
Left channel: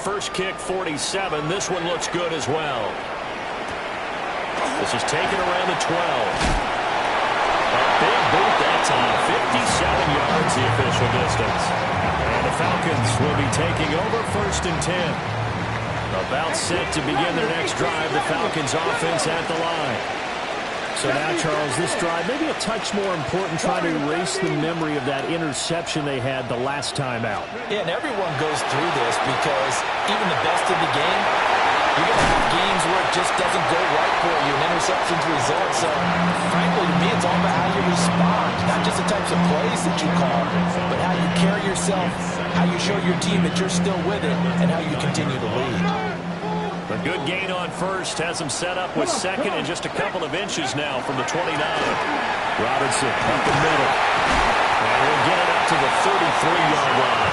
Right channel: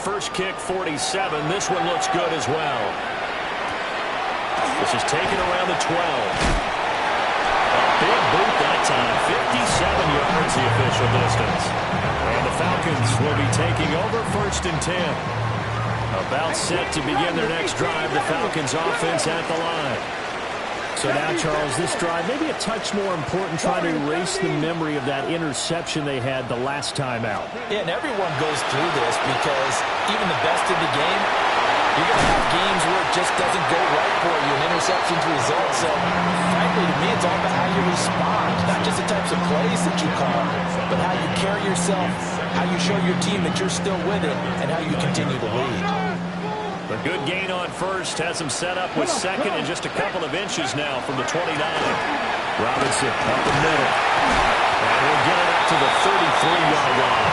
First kick, 47. This one looks good as well. This is taken around the 12. A big boot that time. 57 yards the official distance. And the Falcons will be taking over 1st and 10. About set to begin their next drive. The Falcons offense at the line. So now, Charles, this drive maybe a touch more important, trying to erase the memory of that interception they had the last time out. Yeah, and everyone goes through this because even the best in the game You're going to have games where it just doesn't go right for you, and interceptions result. So, frankly, to me, it's all about how you respond. Not just the types of plays that you call, but how you carry yourself, how you show your team that you're still with it, and how you continue to lead. A good gain on first has him set up with second and just a couple of inches now from the 29. Robinson up the middle. And we'll get it up to the 33-yard line.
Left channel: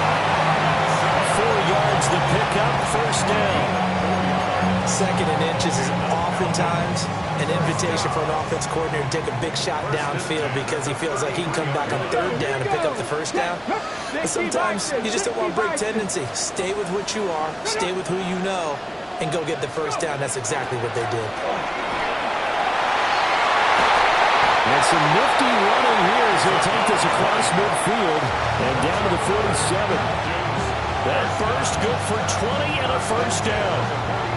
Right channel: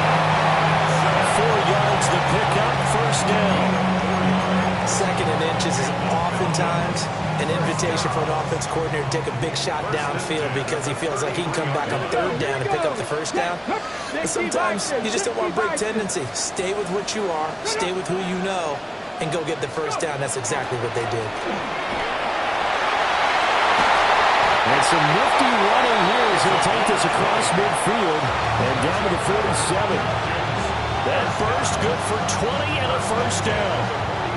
4 yards the pickup, first down. Second and inches is oftentimes an invitation for an offense coordinator to take a big shot downfield because he feels like he can come back on third down and pick up the first down. But sometimes you just don't want to break tendency. Stay with what you are, stay with who you know, and go get the first down. That's exactly what they did. And some nifty running here as he'll take this across midfield and down to the 47. That first good for 20 and a first down.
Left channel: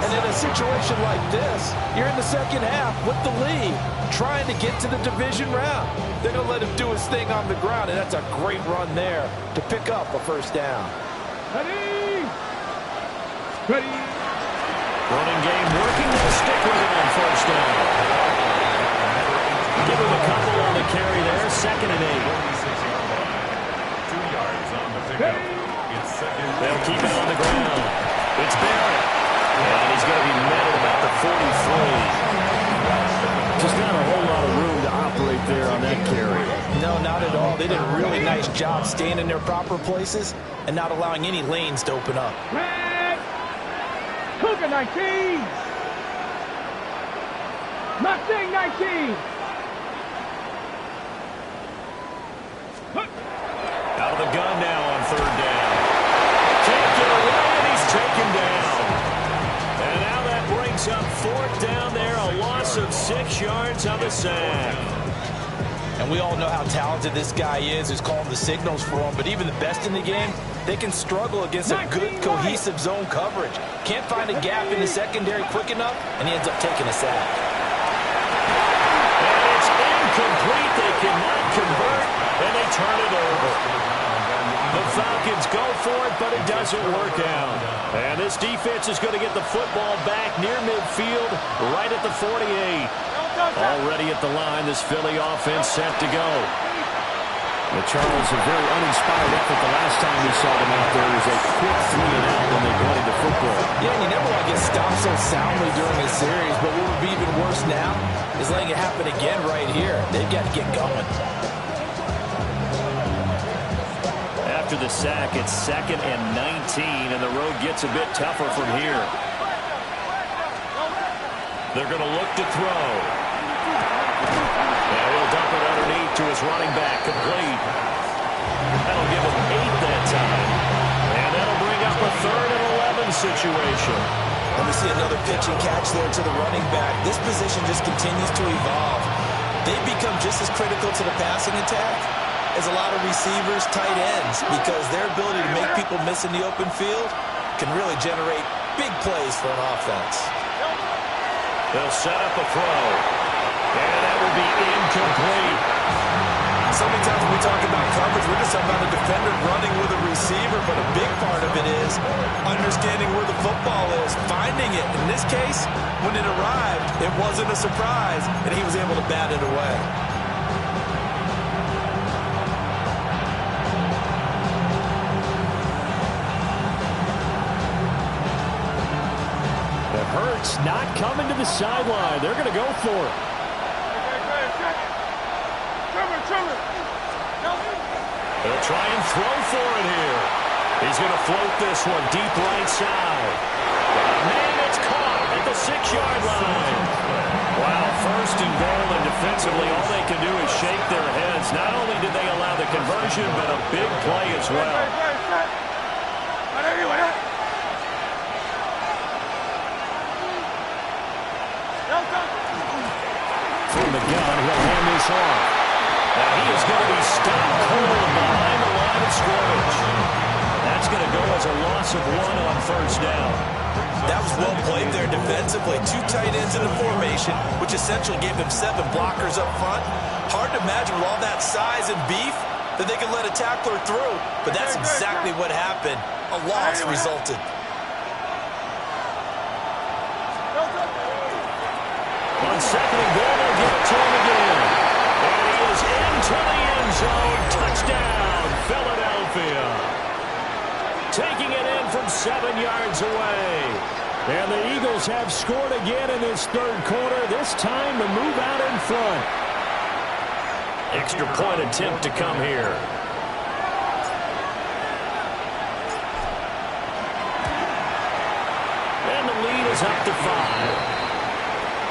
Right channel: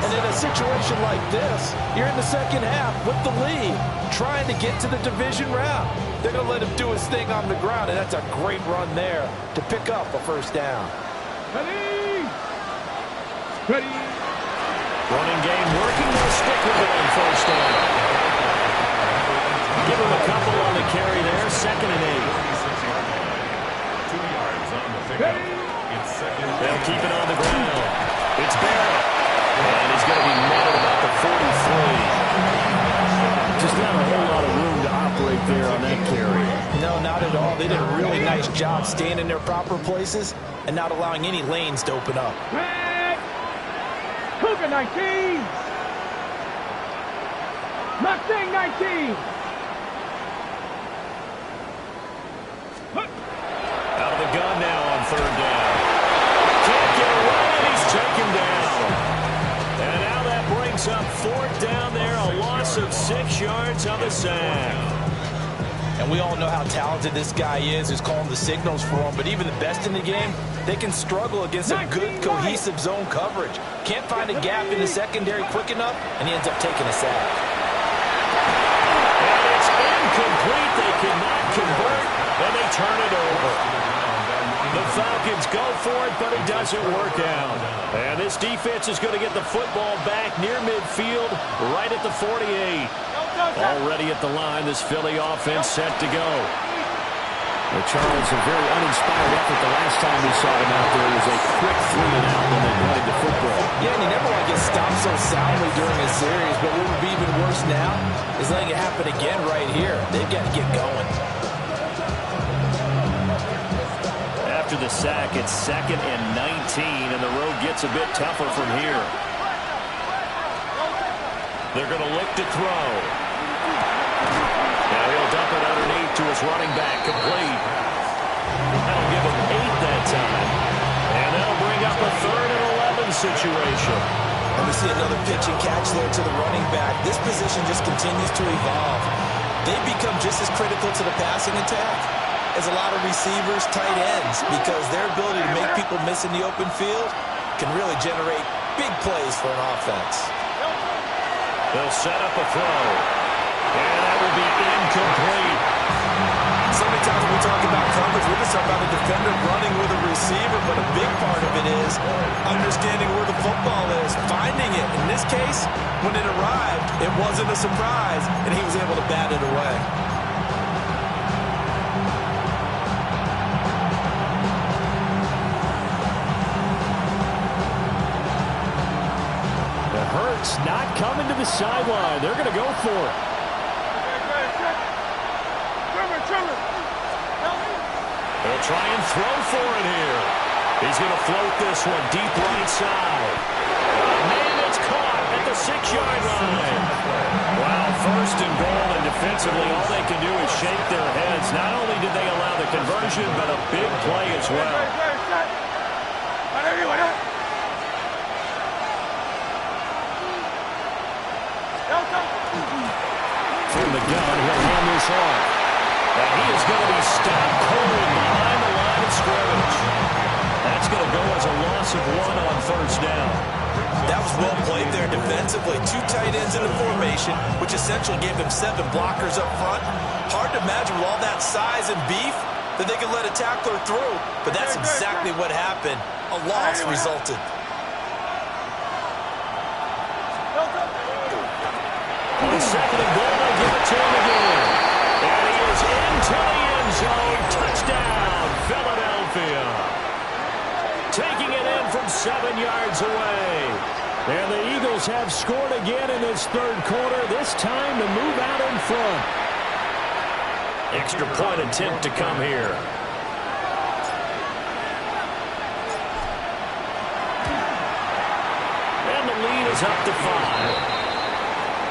And in a situation like this, you're in the second half with the lead, trying to get to the division round. They're going to let him do his thing on the ground, and that's a great run there to pick up a first down. Ready? Ready? Running game working. They'll stick with it on first down. Give him a couple on the carry there. 2nd and 8. 2 yards on the pickup. It's second. They'll keep it on the ground. It's Barrett. And he's going to be met at about the 43. Just not a whole lot of room to operate there on that carry. No, not at all. They did a really nice job staying in their proper places and not allowing any lanes to open up. Red. Cougar 19. Mustang 19. Out of the gun now on third down. Can't get away, and he's taken down. And now that brings up fourth down there, a loss of 6 yards on the sack. And we all know how talented this guy is, who's calling the signals for him. But even the best in the game, they can struggle against a good, cohesive zone coverage. Can't find a gap in the secondary quick enough, and he ends up taking a sack. And it's incomplete. They cannot convert, and they turn it over. The Falcons go for it, but it doesn't work out. And this defense is going to get the football back near midfield, right at the 48. Already at the line, this Philly offense set to go. The Charles, a very uninspired effort the last time we saw them out there. It was a quick 3 and out when they wanted the football. Yeah, and you never want to get stopped so soundly during a series, but what would be even worse now is letting it happen again right here. They've got to get going. After the sack, it's 2nd and 19, and the road gets a bit tougher from here. They're going to look to throw. Now he'll dump it underneath to his running back, complete. That'll give him 8 that time. And that'll bring up a 3rd and 11 situation. And we see another pitch and catch there to the running back. This position just continues to evolve. They become just as critical to the passing attack as a lot of receivers, tight ends, because their ability to make people miss in the open field can really generate big plays for an offense. They'll set up a throw, and that will be incomplete. So many times when we talk about coverage, we're just talking about a defender running with a receiver, but a big part of it is understanding where the football is, finding it. In this case, when it arrived, it wasn't a surprise, and he was able to bat it away. Hurts not coming to the sideline. They're going to go for it. They'll try and throw for it here. He's going to float this one deep right side. Man, it's caught at the 6-yard line. Wow, 1st and goal, and defensively all they can do is shake their heads. Not only did they allow the conversion, but a big play as well. From the gun, he'll hand this off. And he is going to be stopped cold behind the line of scrimmage. That's going to go as a loss of 1 on first down. That was well played there defensively. 2 tight ends in the formation, which essentially gave them 7 blockers up front. Hard to imagine with all that size and beef that they could let a tackler through. But that's exactly what happened. A loss resulted. On second and goal, they give it to him again. And he is into the end zone. Touchdown, Philadelphia. Taking it in from 7 yards away. And the Eagles have scored again in this third quarter, this time to move out in front. Extra point attempt to come here. And the lead is up to 5.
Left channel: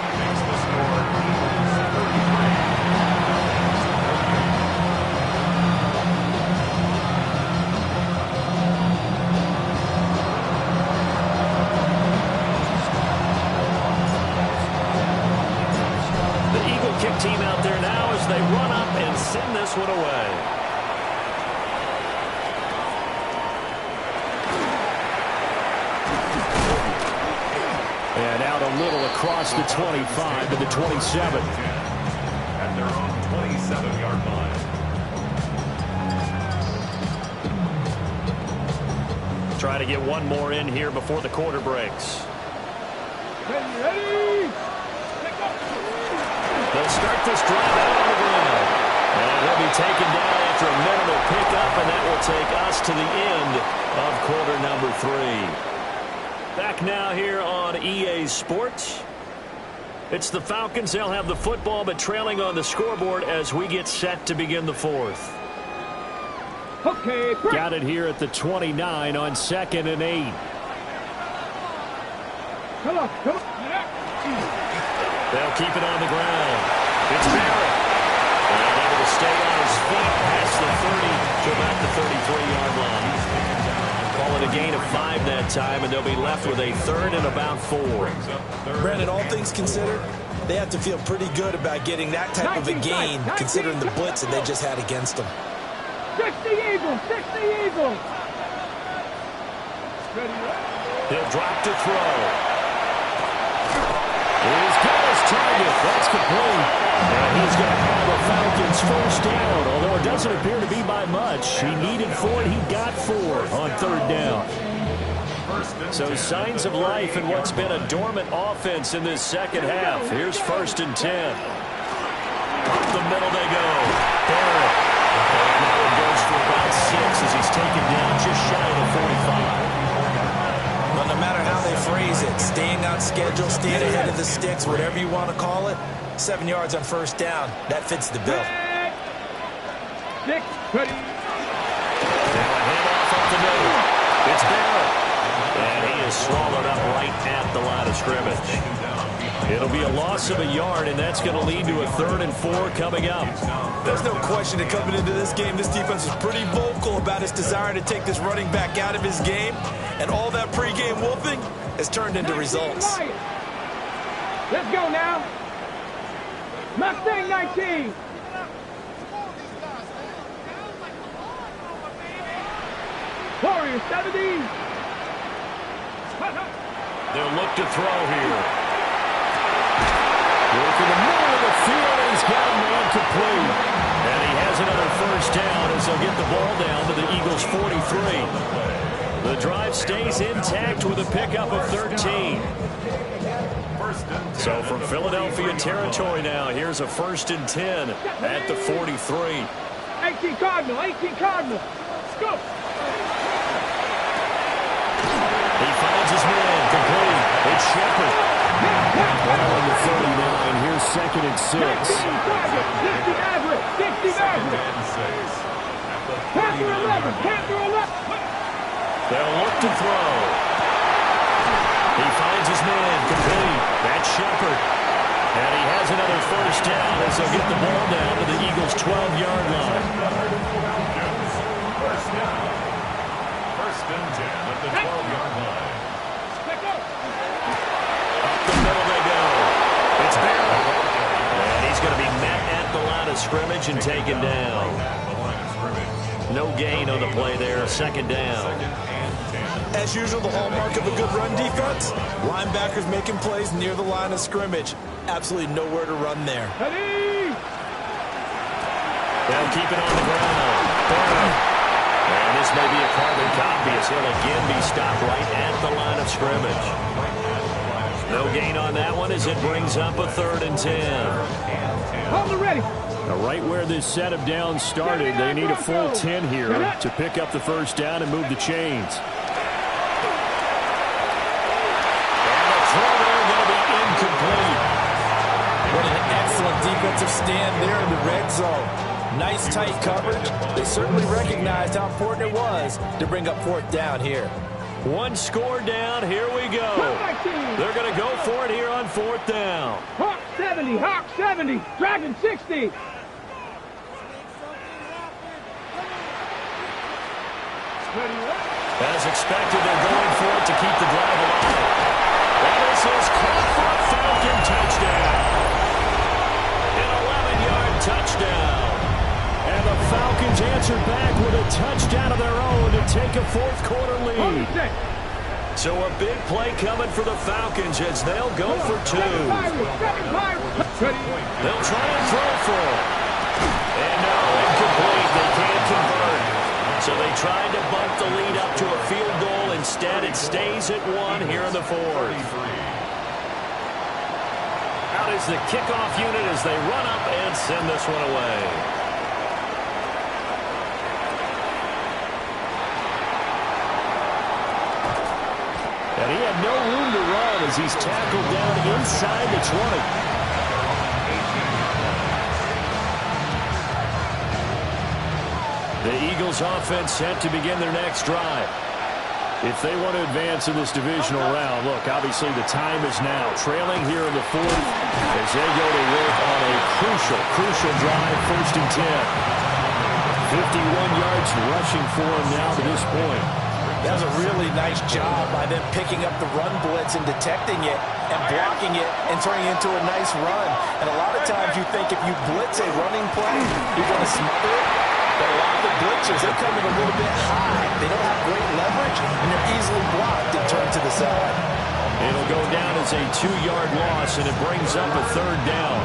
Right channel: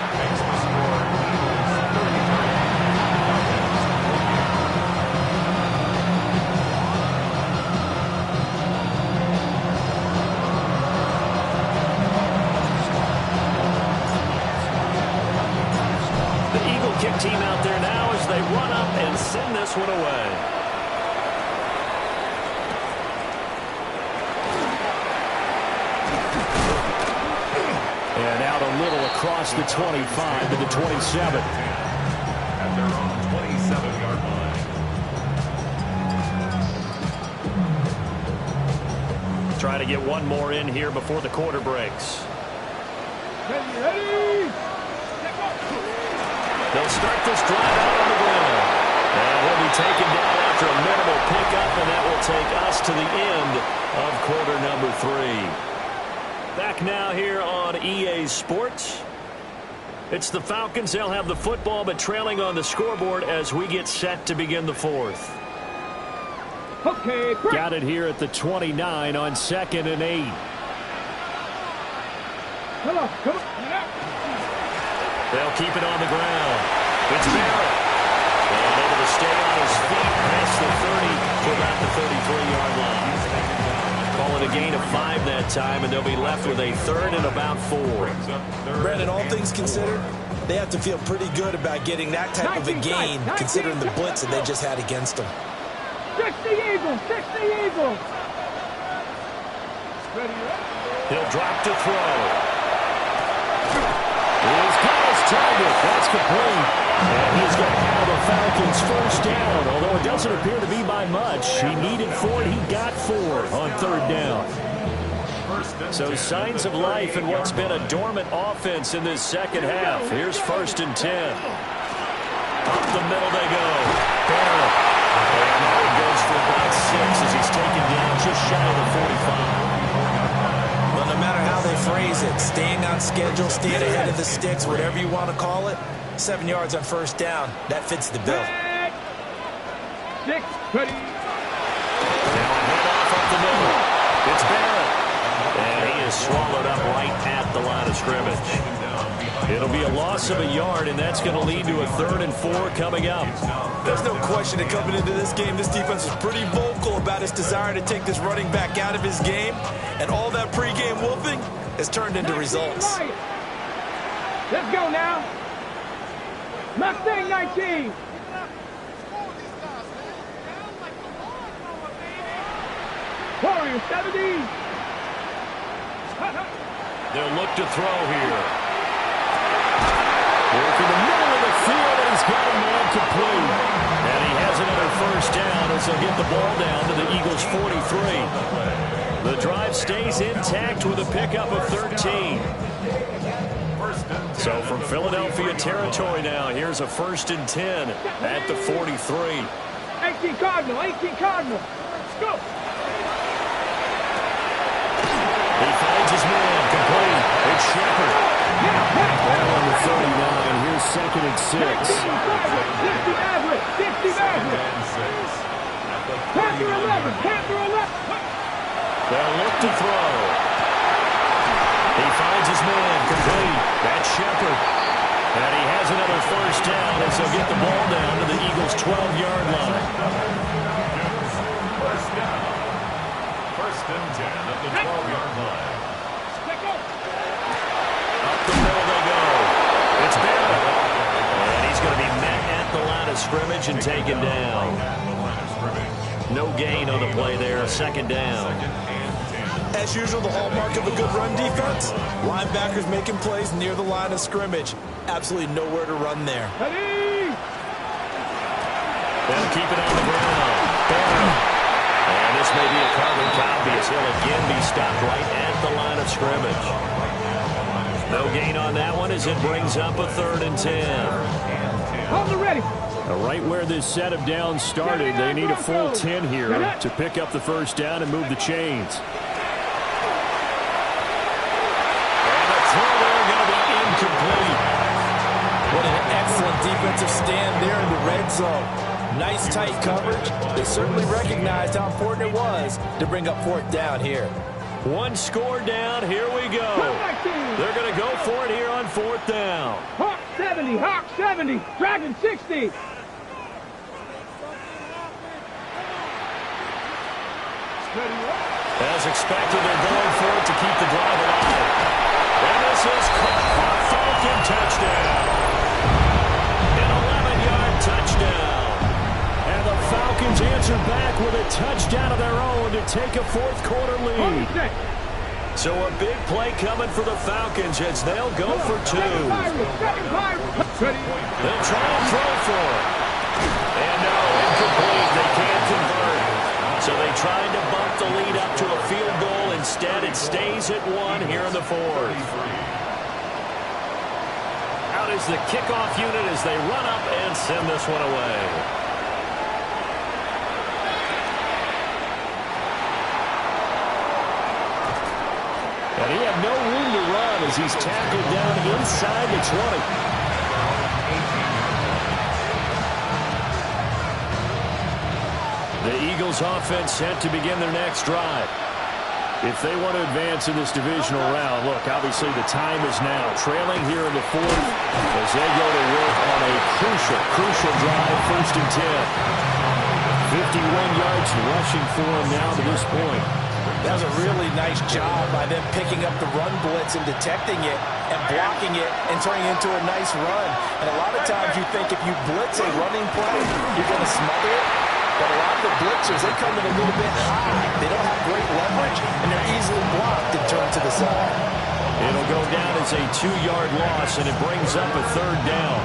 Makes the score Eagles 33. The Eagle kick team out there now as they run up and send this one away. And out a little across the 25 to the 27. At their own 27-yard line. Try to get one more in here before the quarter breaks. Ready. They'll start this drive out on the ground. And he'll be taken down after a minimal pickup, and that will take us to the end of quarter number 3. Back now here on EA Sports. It's the Falcons. They'll have the football, but trailing on the scoreboard as we get set to begin the fourth. Okay, got it here at the 29 on 2nd and 8. Come on. They'll keep it on the ground. It's Barrett. And able to stay on his feet past the 30 to about the 33-yard line. Call it a gain of 5 that time, and they'll be left with a third and about 4. Brandon, all things considered, they have to feel pretty good about getting that type of a gain, considering the blitz that they just had against them. 60 Eagles. Ready. He'll drop to throw. He's got his target. That's complete. And he's going to have a Falcons first down, although it doesn't appear to be by much. He needed 4, and he got 4 on third down. So signs of life in what's been a dormant offense in this second half. Here's 1st and 10. Up the middle they go. Barrett. And now he goes for about 6 as he's taken down just shy of the 45. Well, no matter how they phrase it, staying on schedule, staying ahead of the sticks, whatever you want to call it, 7 yards on first down, that fits the bill. 6, ready. Now a handoff up the middle. It's Barrett. And he is swallowed up right at the line of scrimmage. It'll be a loss of a yard, and that's going to lead to a 3rd and 4 coming up. There's no question that coming into this game, this defense was pretty vocal about its desire to take this running back out of his game. And all that pregame wolfing has turned into results. Let's go now. Mustang 19. Warrior 70. They'll look to throw here. Working the middle of the field, and he's got a man complete. And he has another first down as they'll get the ball down to the Eagles' 43. The drive stays intact with a pickup of 13. So from Philadelphia territory now, here's a 1st and 10 at the 43. 18 Cardinal. Let's go. He finds his man, complete. It's Shepard. Well, on the 39, here's 2nd and 6. 50 Maverick. Panther 11. They'll look to throw. He finds his man, complete. That's Shepard. And he has another first down as they'll get the ball down to the Eagles' 12-yard line. First down. 1st and 10 at the 12-yard line. Up the middle they go. It's Barrett. And he's going to be met at the line of scrimmage and taken down. No gain on the play there. 2nd down. As usual, the hallmark of a good run defense, linebackers making plays near the line of scrimmage. Absolutely nowhere to run there. Ready. They'll keep it on the ground. Barrett. And this may be a carbon copy as he'll again be stopped right at the line of scrimmage. No gain on that one as it brings up a 3rd and 10. Hold it ready. Right where this set of downs started, they need a full 10 here to pick up the first down and move the chains. And the throw there going to be incomplete. What an excellent defensive stand there in the red zone. Nice tight coverage. They certainly recognized how important it was to bring up 4th down here. One score down. Here we go. They're going to go for it here on 4th down. Hawk 70, Hawk 70, Dragon 60. As expected, they're going for it to keep the drive alive. And this is caught for a Falcon touchdown. An 11-yard touchdown. And the Falcons answered back with a touchdown of their own to take a 4th quarter lead. So a big play coming for the Falcons as they'll go for 2. They'll try and throw for it. And no, incomplete. They can't convert. So they tried to bump the lead up to a field goal. Instead, it stays at 1 here in the 4th. Out is the kickoff unit as they run up and send this one away. And he had no room to run as he's tackled down inside the 20. The Eagles offense set to begin their next drive. If they want to advance in this divisional round, look, obviously the time is now. Trailing here in the 4th as they go to work on a crucial drive, 1st and 10. 51 yards rushing for him now to this point. That was a really nice job by them picking up the run blitz and detecting it and blocking it and turning it into a nice run. And a lot of times you think if you blitz a running play, you're going to smother it. But a lot of the blitzers, they come in a little bit high. They don't have great leverage, and they're easily blocked and turned to the side. It'll go down as a 2-yard loss, and it brings up a 3rd down.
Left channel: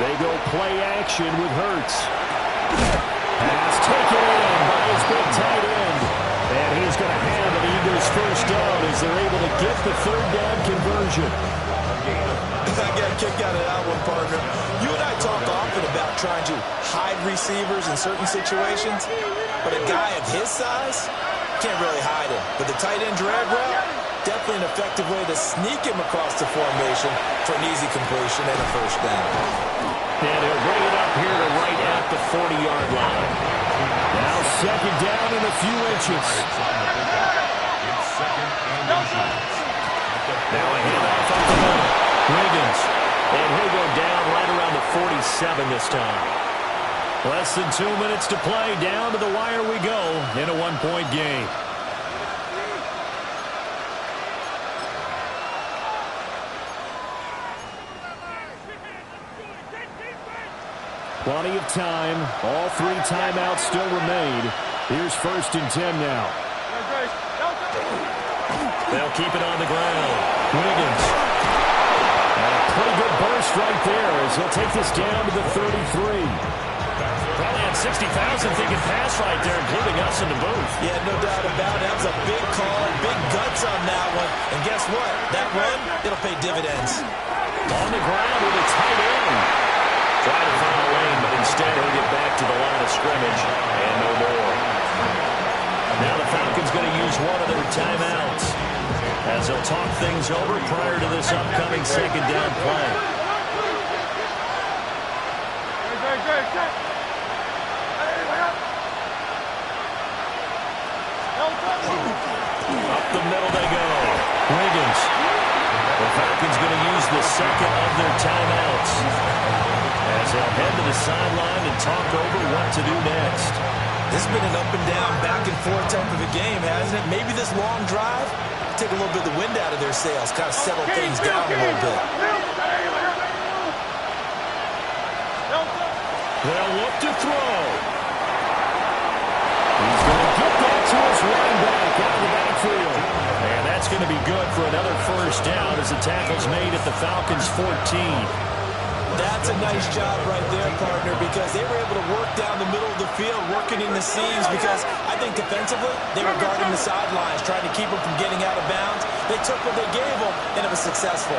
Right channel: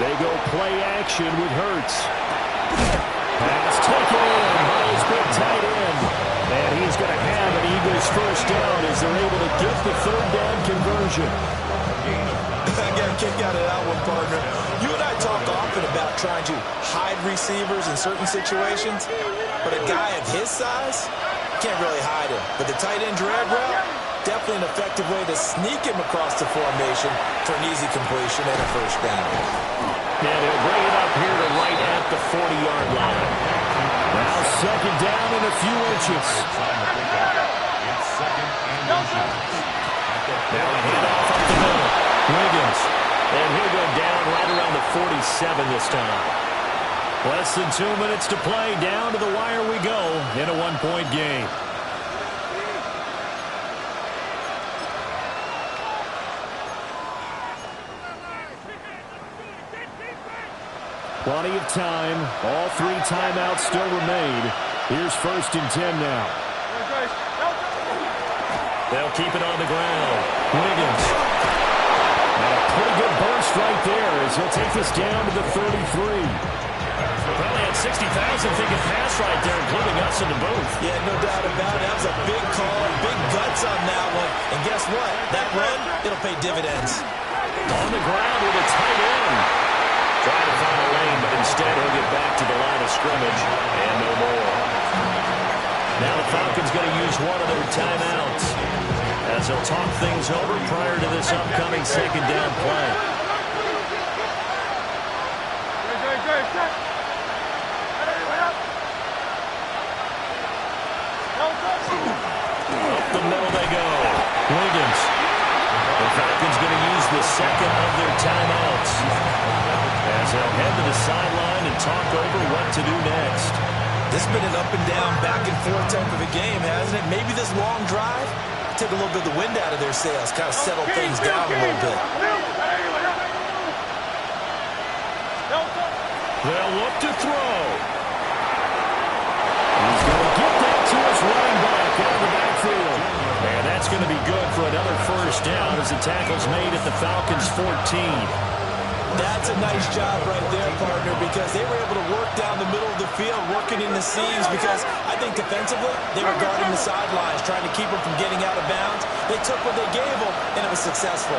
They go play action with Hurts. Pass taken in by his big tight end. And he's going to have an Eagles first down as they're able to get the 3rd down conversion. I got a kick out of that one, partner. You and I talk often about trying to hide receivers in certain situations, but a guy of his size can't really hide him. But the tight end drag route, definitely an effective way to sneak him across the formation for an easy completion and a first down. And he'll bring it up here to right at the 40-yard line. Now 2nd down and a few inches. Now a handoff up the middle. Wiggins. And he'll go down right around the 47 this time. Less than 2 minutes to play. Down to the wire we go in a 1-point game. Plenty of time. All 3 timeouts still remain. Here's 1st and 10 now. They'll keep it on the ground. Wiggins. And a pretty good burst right there as he'll take this down to the 33. Probably had 60,000 thinking pass right there, including us in the booth. Yeah, no doubt about it. That was a big call, big guts on that one. And guess what? That run, it'll pay dividends. On the ground with a tight end. Trying to find a lane, but instead he'll get back to the line of scrimmage and no more. Now the Falcons going to use one of their timeouts as they'll talk things over prior to this upcoming 2nd down play. Up the middle they go. Wiggins. The Falcons going to use the 2nd of their timeouts as they'll head to the sideline and talk over what to do next. This has been an up and down, back and forth type of a game, hasn't it? Maybe this long drive take a little bit of the wind out of their sails, kind of settle things down a little bit. They'll look to throw. He's going to get that to his running back out of the backfield. And that's going to be good for another first down as the tackle's made at the Falcons' 14. That's a nice job right there, partner, because they were able to work down the middle of the field, working in the seams, because I think defensively they were guarding the sidelines, trying to keep them from getting out of bounds. They took what they gave them, and it was successful.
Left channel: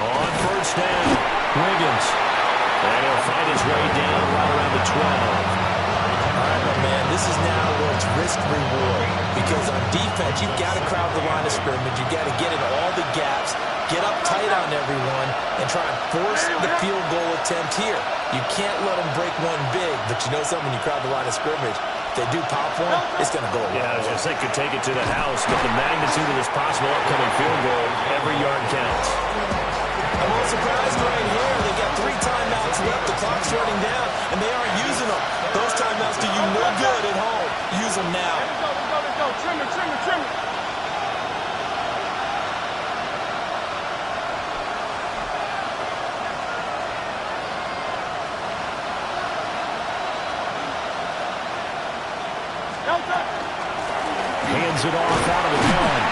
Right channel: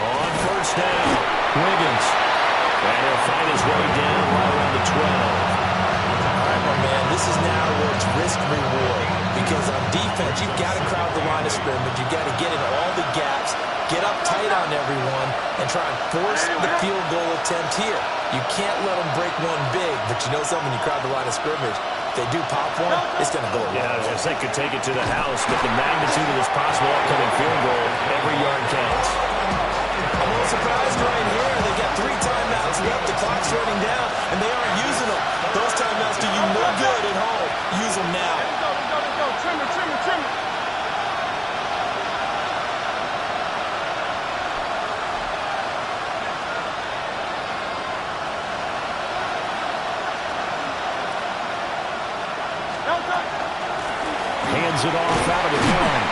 On first down, Wiggins. And he'll find his way down right around the 12. All right, my man, this is now where it's risk-reward. Because on defense, you've got to crowd the line of scrimmage. You've got to get in all the gaps, get up tight on everyone, and try and force the field goal attempt here. You can't let them break one big, but you know something, when you crowd the line of scrimmage, if they do pop one, it's going to go away. Yeah, I was going to say could take it to the house, but the magnitude of this possible upcoming field goal, every yard counts. I'm a little surprised right here. They got 3 timeouts left. The clock's running down, and they aren't using them. Those timeouts do you no good at home. Use them now. Let's go. Trim it. Hands it off out of the gun.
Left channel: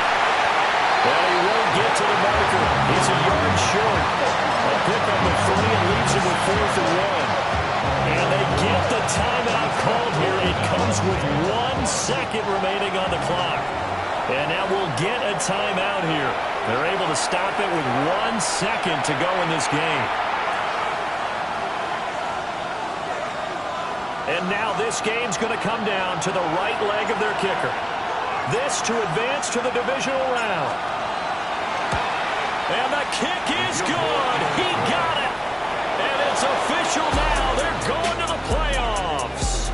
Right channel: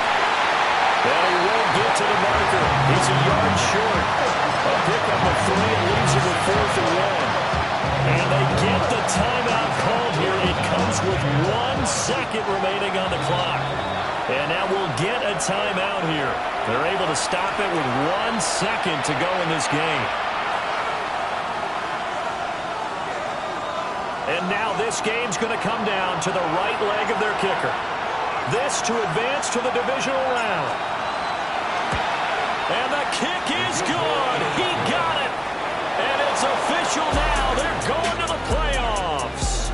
And he won't get to the marker. He's a yard short. A pickup of 3 and leaves him with 4th and 1. And they get the timeout called here. It comes with 1 second remaining on the clock. And now we'll get a timeout here. They're able to stop it with 1 second to go in this game. And now this game's going to come down to the right leg of their kicker. This to advance to the divisional round. And the kick is good. He got it. And it's official now. They're going to the playoffs.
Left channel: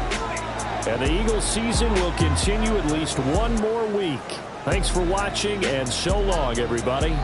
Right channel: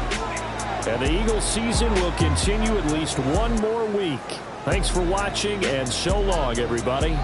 And the Eagles season will continue at least 1 more week. Thanks for watching, and so long, everybody.